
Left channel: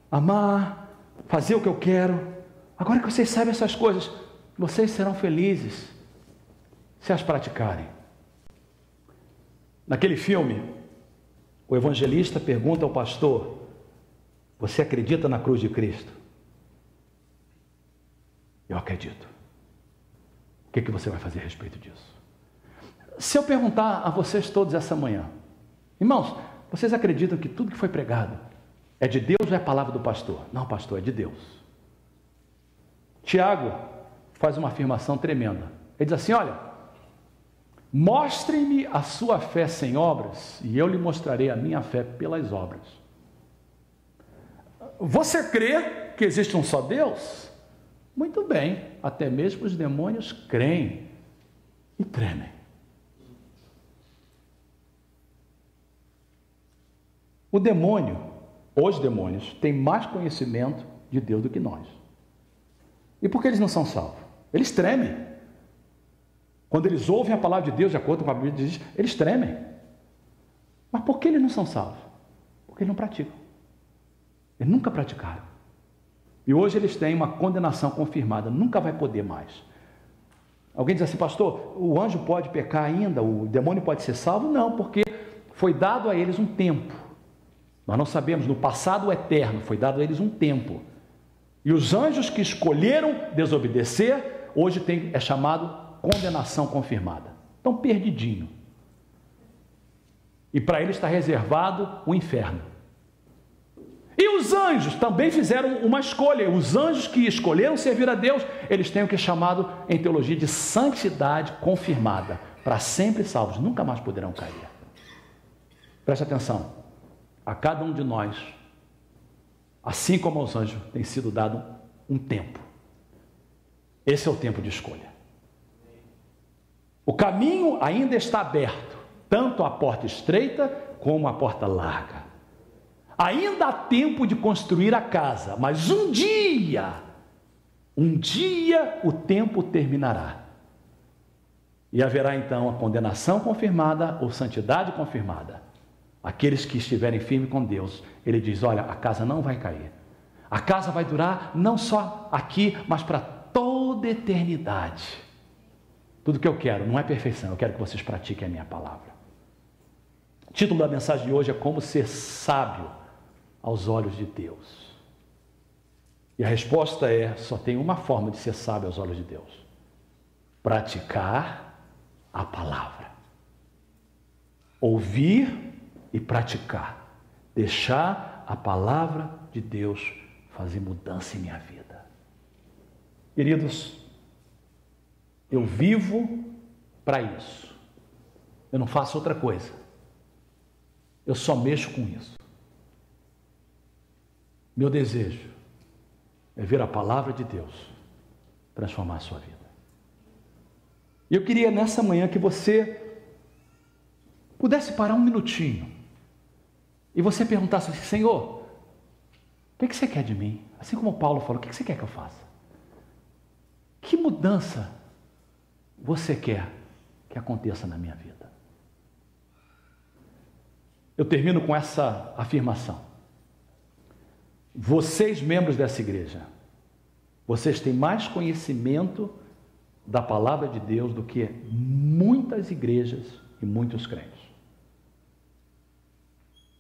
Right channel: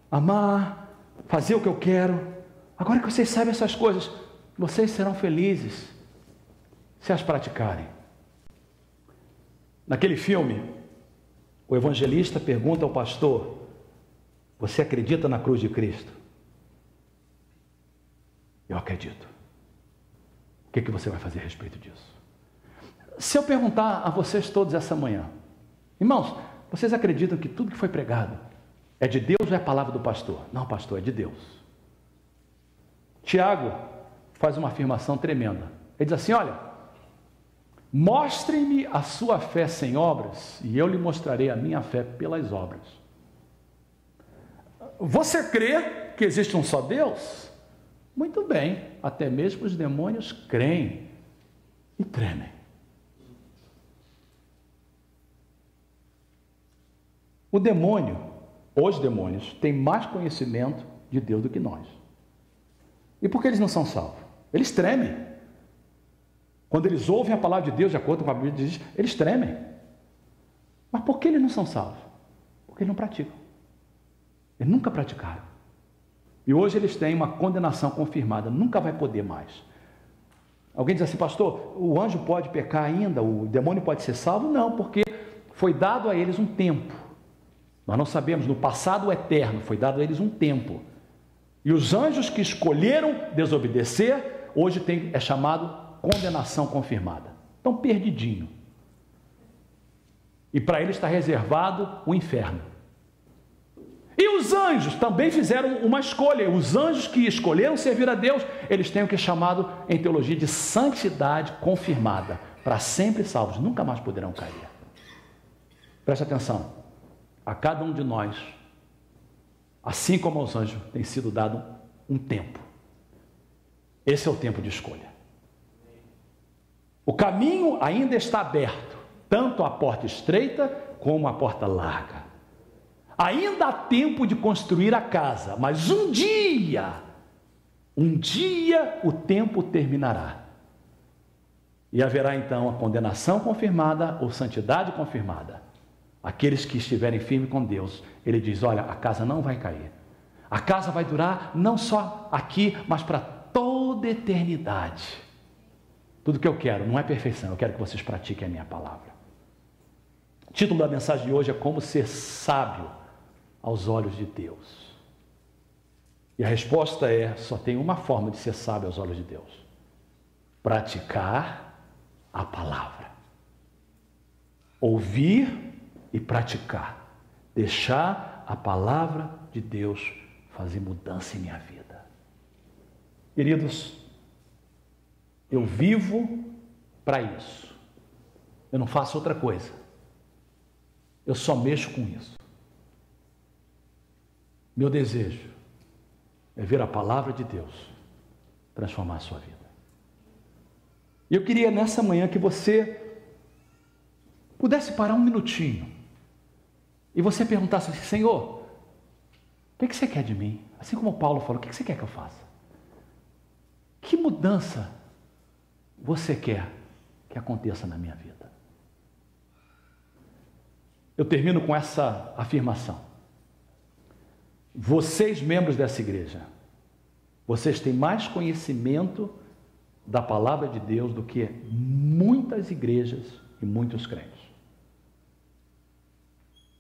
amar, fazer o que eu quero. Agora que vocês sabem essas coisas, vocês serão felizes se as praticarem. Naquele filme, o evangelista pergunta ao pastor: você acredita na cruz de Cristo? Eu acredito. O que você vai fazer a respeito disso? Se eu perguntar a vocês todos essa manhã: irmãos, vocês acreditam que tudo que foi pregado é de Deus ou é a palavra do pastor? Não, pastor, é de Deus. Tiago faz uma afirmação tremenda. Ele diz assim: olha, mostrem-me a sua fé sem obras, e eu lhe mostrarei a minha fé pelas obras. Você crê que existe um só Deus? Muito bem, até mesmo os demônios creem e tremem. O demônio, os demônios, têm mais conhecimento de Deus do que nós. E por que eles não são salvos? Eles tremem. Quando eles ouvem a palavra de Deus, de acordo com a Bíblia diz, eles tremem. Mas por que eles não são salvos? Porque eles não praticam. Eles nunca praticaram. E hoje eles têm uma condenação confirmada, nunca vai poder mais. Alguém diz assim: pastor, o anjo pode pecar ainda? O demônio pode ser salvo? Não, porque foi dado a eles um tempo. Nós não sabemos, no passado eterno foi dado a eles um tempo. E os anjos que escolheram desobedecer, hoje é chamado condenação confirmada. Estão perdidinho. E para eles está reservado o inferno. E os anjos também fizeram uma escolha. Os anjos que escolheram servir a Deus, eles têm o que é chamado em teologia de santidade confirmada. Para sempre salvos, nunca mais poderão cair. Preste atenção. A cada um de nós, assim como aos anjos, tem sido dado um tempo. Esse é o tempo de escolha. O caminho ainda está aberto, tanto a porta estreita como a porta larga. Ainda há tempo de construir a casa, mas um dia o tempo terminará. E haverá então a condenação confirmada ou santidade confirmada. Aqueles que estiverem firmes com Deus, ele diz: olha, a casa não vai cair. A casa vai durar não só aqui, mas para toda a eternidade. Tudo que eu quero não é perfeição, eu quero que vocês pratiquem a minha palavra. O título da mensagem de hoje é como ser sábio aos olhos de Deus. E a resposta é: só tem uma forma de ser sábio aos olhos de Deus: praticar a palavra. Ouvir e praticar. Deixar a palavra de Deus fazer mudança em minha vida. Queridos, eu vivo para isso. Eu não faço outra coisa. Eu só mexo com isso. Meu desejo é ver a palavra de Deus transformar a sua vida. E eu queria nessa manhã que você pudesse parar um minutinho e você perguntasse assim: Senhor, o que você quer de mim? Assim como Paulo falou, o que você quer que eu faça? Que mudança você quer que aconteça na minha vida? Eu termino com essa afirmação. Vocês, membros dessa igreja, vocês têm mais conhecimento da palavra de Deus do que muitas igrejas e muitos crentes.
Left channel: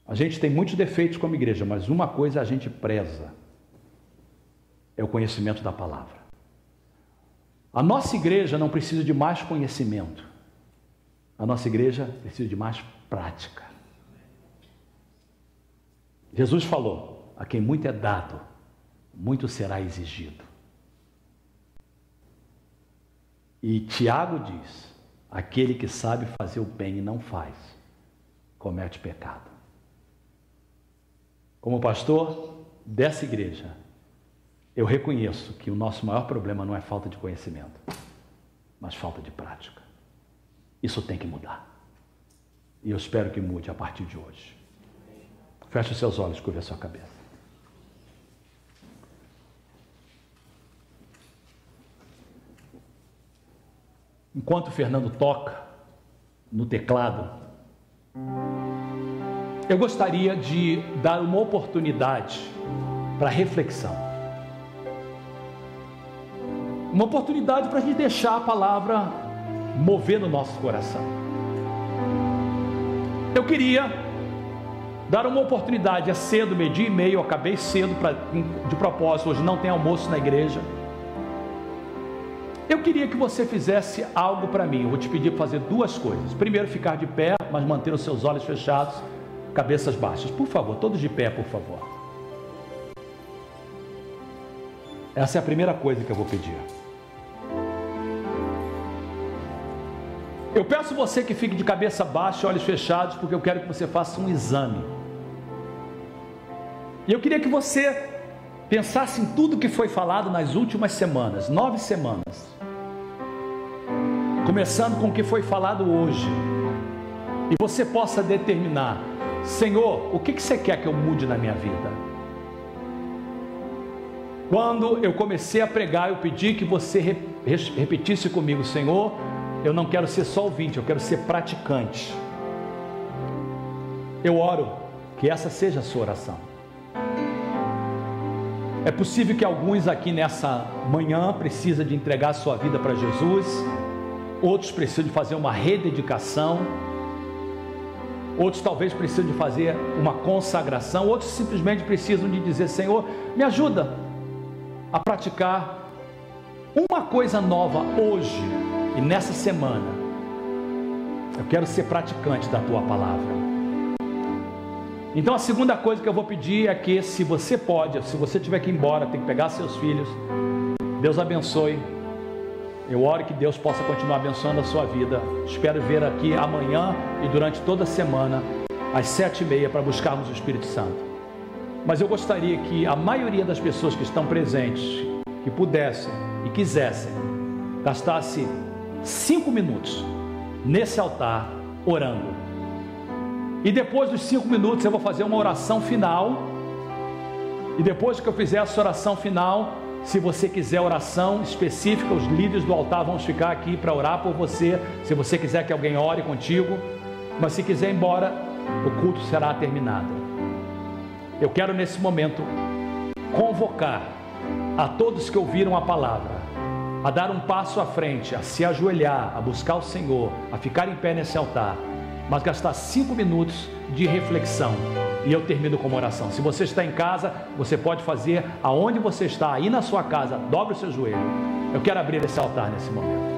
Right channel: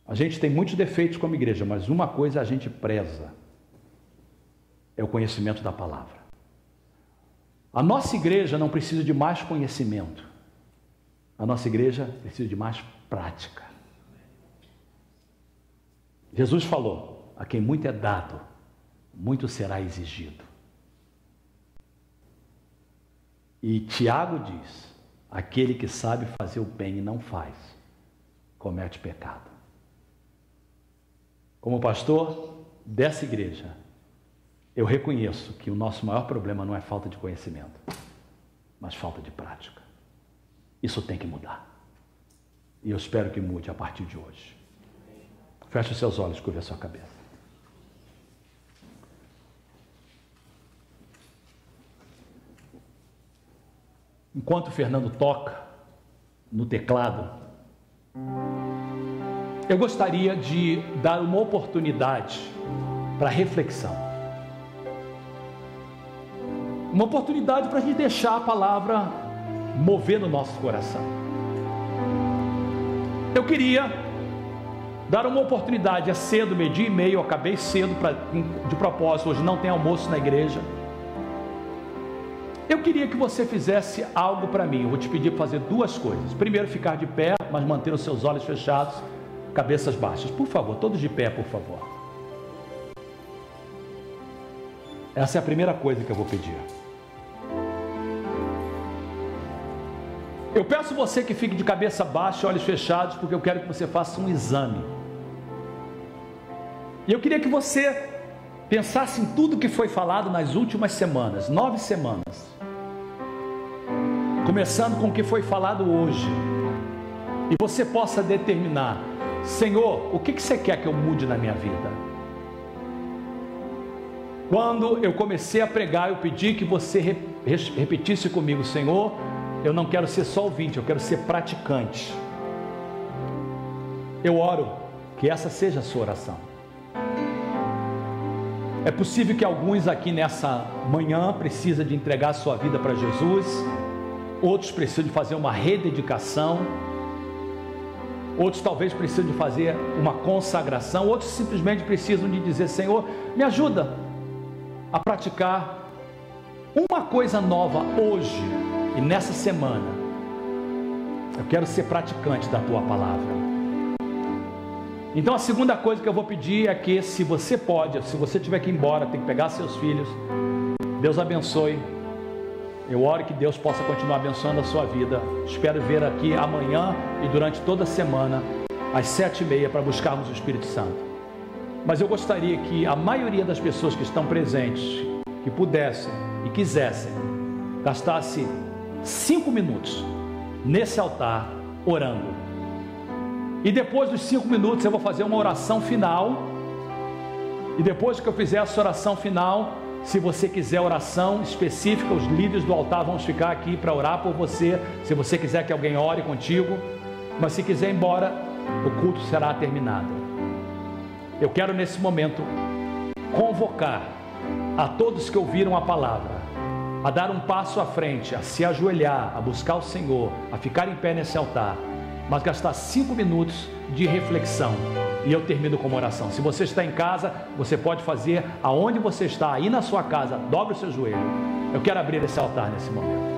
A gente tem muitos defeitos como igreja, mas uma coisa a gente preza: é o conhecimento da palavra. A nossa igreja não precisa de mais conhecimento. A nossa igreja precisa de mais prática. Jesus falou: a quem muito é dado, muito será exigido. E Tiago diz: aquele que sabe fazer o bem e não faz, comete pecado. Como pastor dessa igreja, eu reconheço que o nosso maior problema não é falta de conhecimento, mas falta de prática. Isso tem que mudar. E eu espero que mude a partir de hoje. Feche os seus olhos, curva a sua cabeça. Enquanto o Fernando toca no teclado, eu gostaria de dar uma oportunidade para reflexão. Uma oportunidade para a gente deixar a palavra mover no nosso coração. Eu queria dar uma oportunidade, é cedo, 12:30, eu acabei cedo de propósito, hoje não tem almoço na igreja. Eu queria que você fizesse algo para mim. Eu vou te pedir para fazer duas coisas. Primeiro, ficar de pé, mas manter os seus olhos fechados, cabeças baixas. Por favor, todos de pé, por favor. Essa é a primeira coisa que eu vou pedir. Eu peço você que fique de cabeça baixa, olhos fechados, porque eu quero que você faça um exame. E eu queria que você pensasse em tudo que foi falado nas últimas semanas, 9 semanas. Começando com o que foi falado hoje. E você possa determinar: Senhor, o que você quer que eu mude na minha vida? Quando eu comecei a pregar, eu pedi que você repetisse comigo: Senhor, eu não quero ser só ouvinte, eu quero ser praticante. Eu oro que essa seja a sua oração. É possível que alguns aqui nessa manhã precisam de entregar a sua vida para Jesus, outros precisam de fazer uma rededicação, outros talvez precisam de fazer uma consagração, outros simplesmente precisam de dizer: Senhor, me ajuda a praticar uma coisa nova hoje e nessa semana. Eu quero ser praticante da tua palavra. Então a segunda coisa que eu vou pedir é que, se você pode, se você tiver que ir embora, tem que pegar seus filhos, Deus abençoe. Eu oro que Deus possa continuar abençoando a sua vida. Espero ver aqui amanhã e durante toda a semana às 7:30 para buscarmos o Espírito Santo. Mas eu gostaria que a maioria das pessoas que estão presentes, que pudessem e quisessem, gastasse 5 minutos nesse altar orando. E depois dos 5 minutos eu vou fazer uma oração final. E depois que eu fizer essa oração final, se você quiser oração específica, os líderes do altar vão ficar aqui para orar por você. Se você quiser que alguém ore contigo. Mas se quiser ir embora, o culto será terminado. Eu quero nesse momento convocar a todos que ouviram a palavra a dar um passo à frente, a se ajoelhar, a buscar o Senhor, a ficar em pé nesse altar, mas gastar 5 minutos de reflexão. E eu termino com uma oração. Se você está em casa, você pode fazer aonde você está, aí na sua casa, dobre o seu joelho. Eu quero abrir esse altar nesse momento.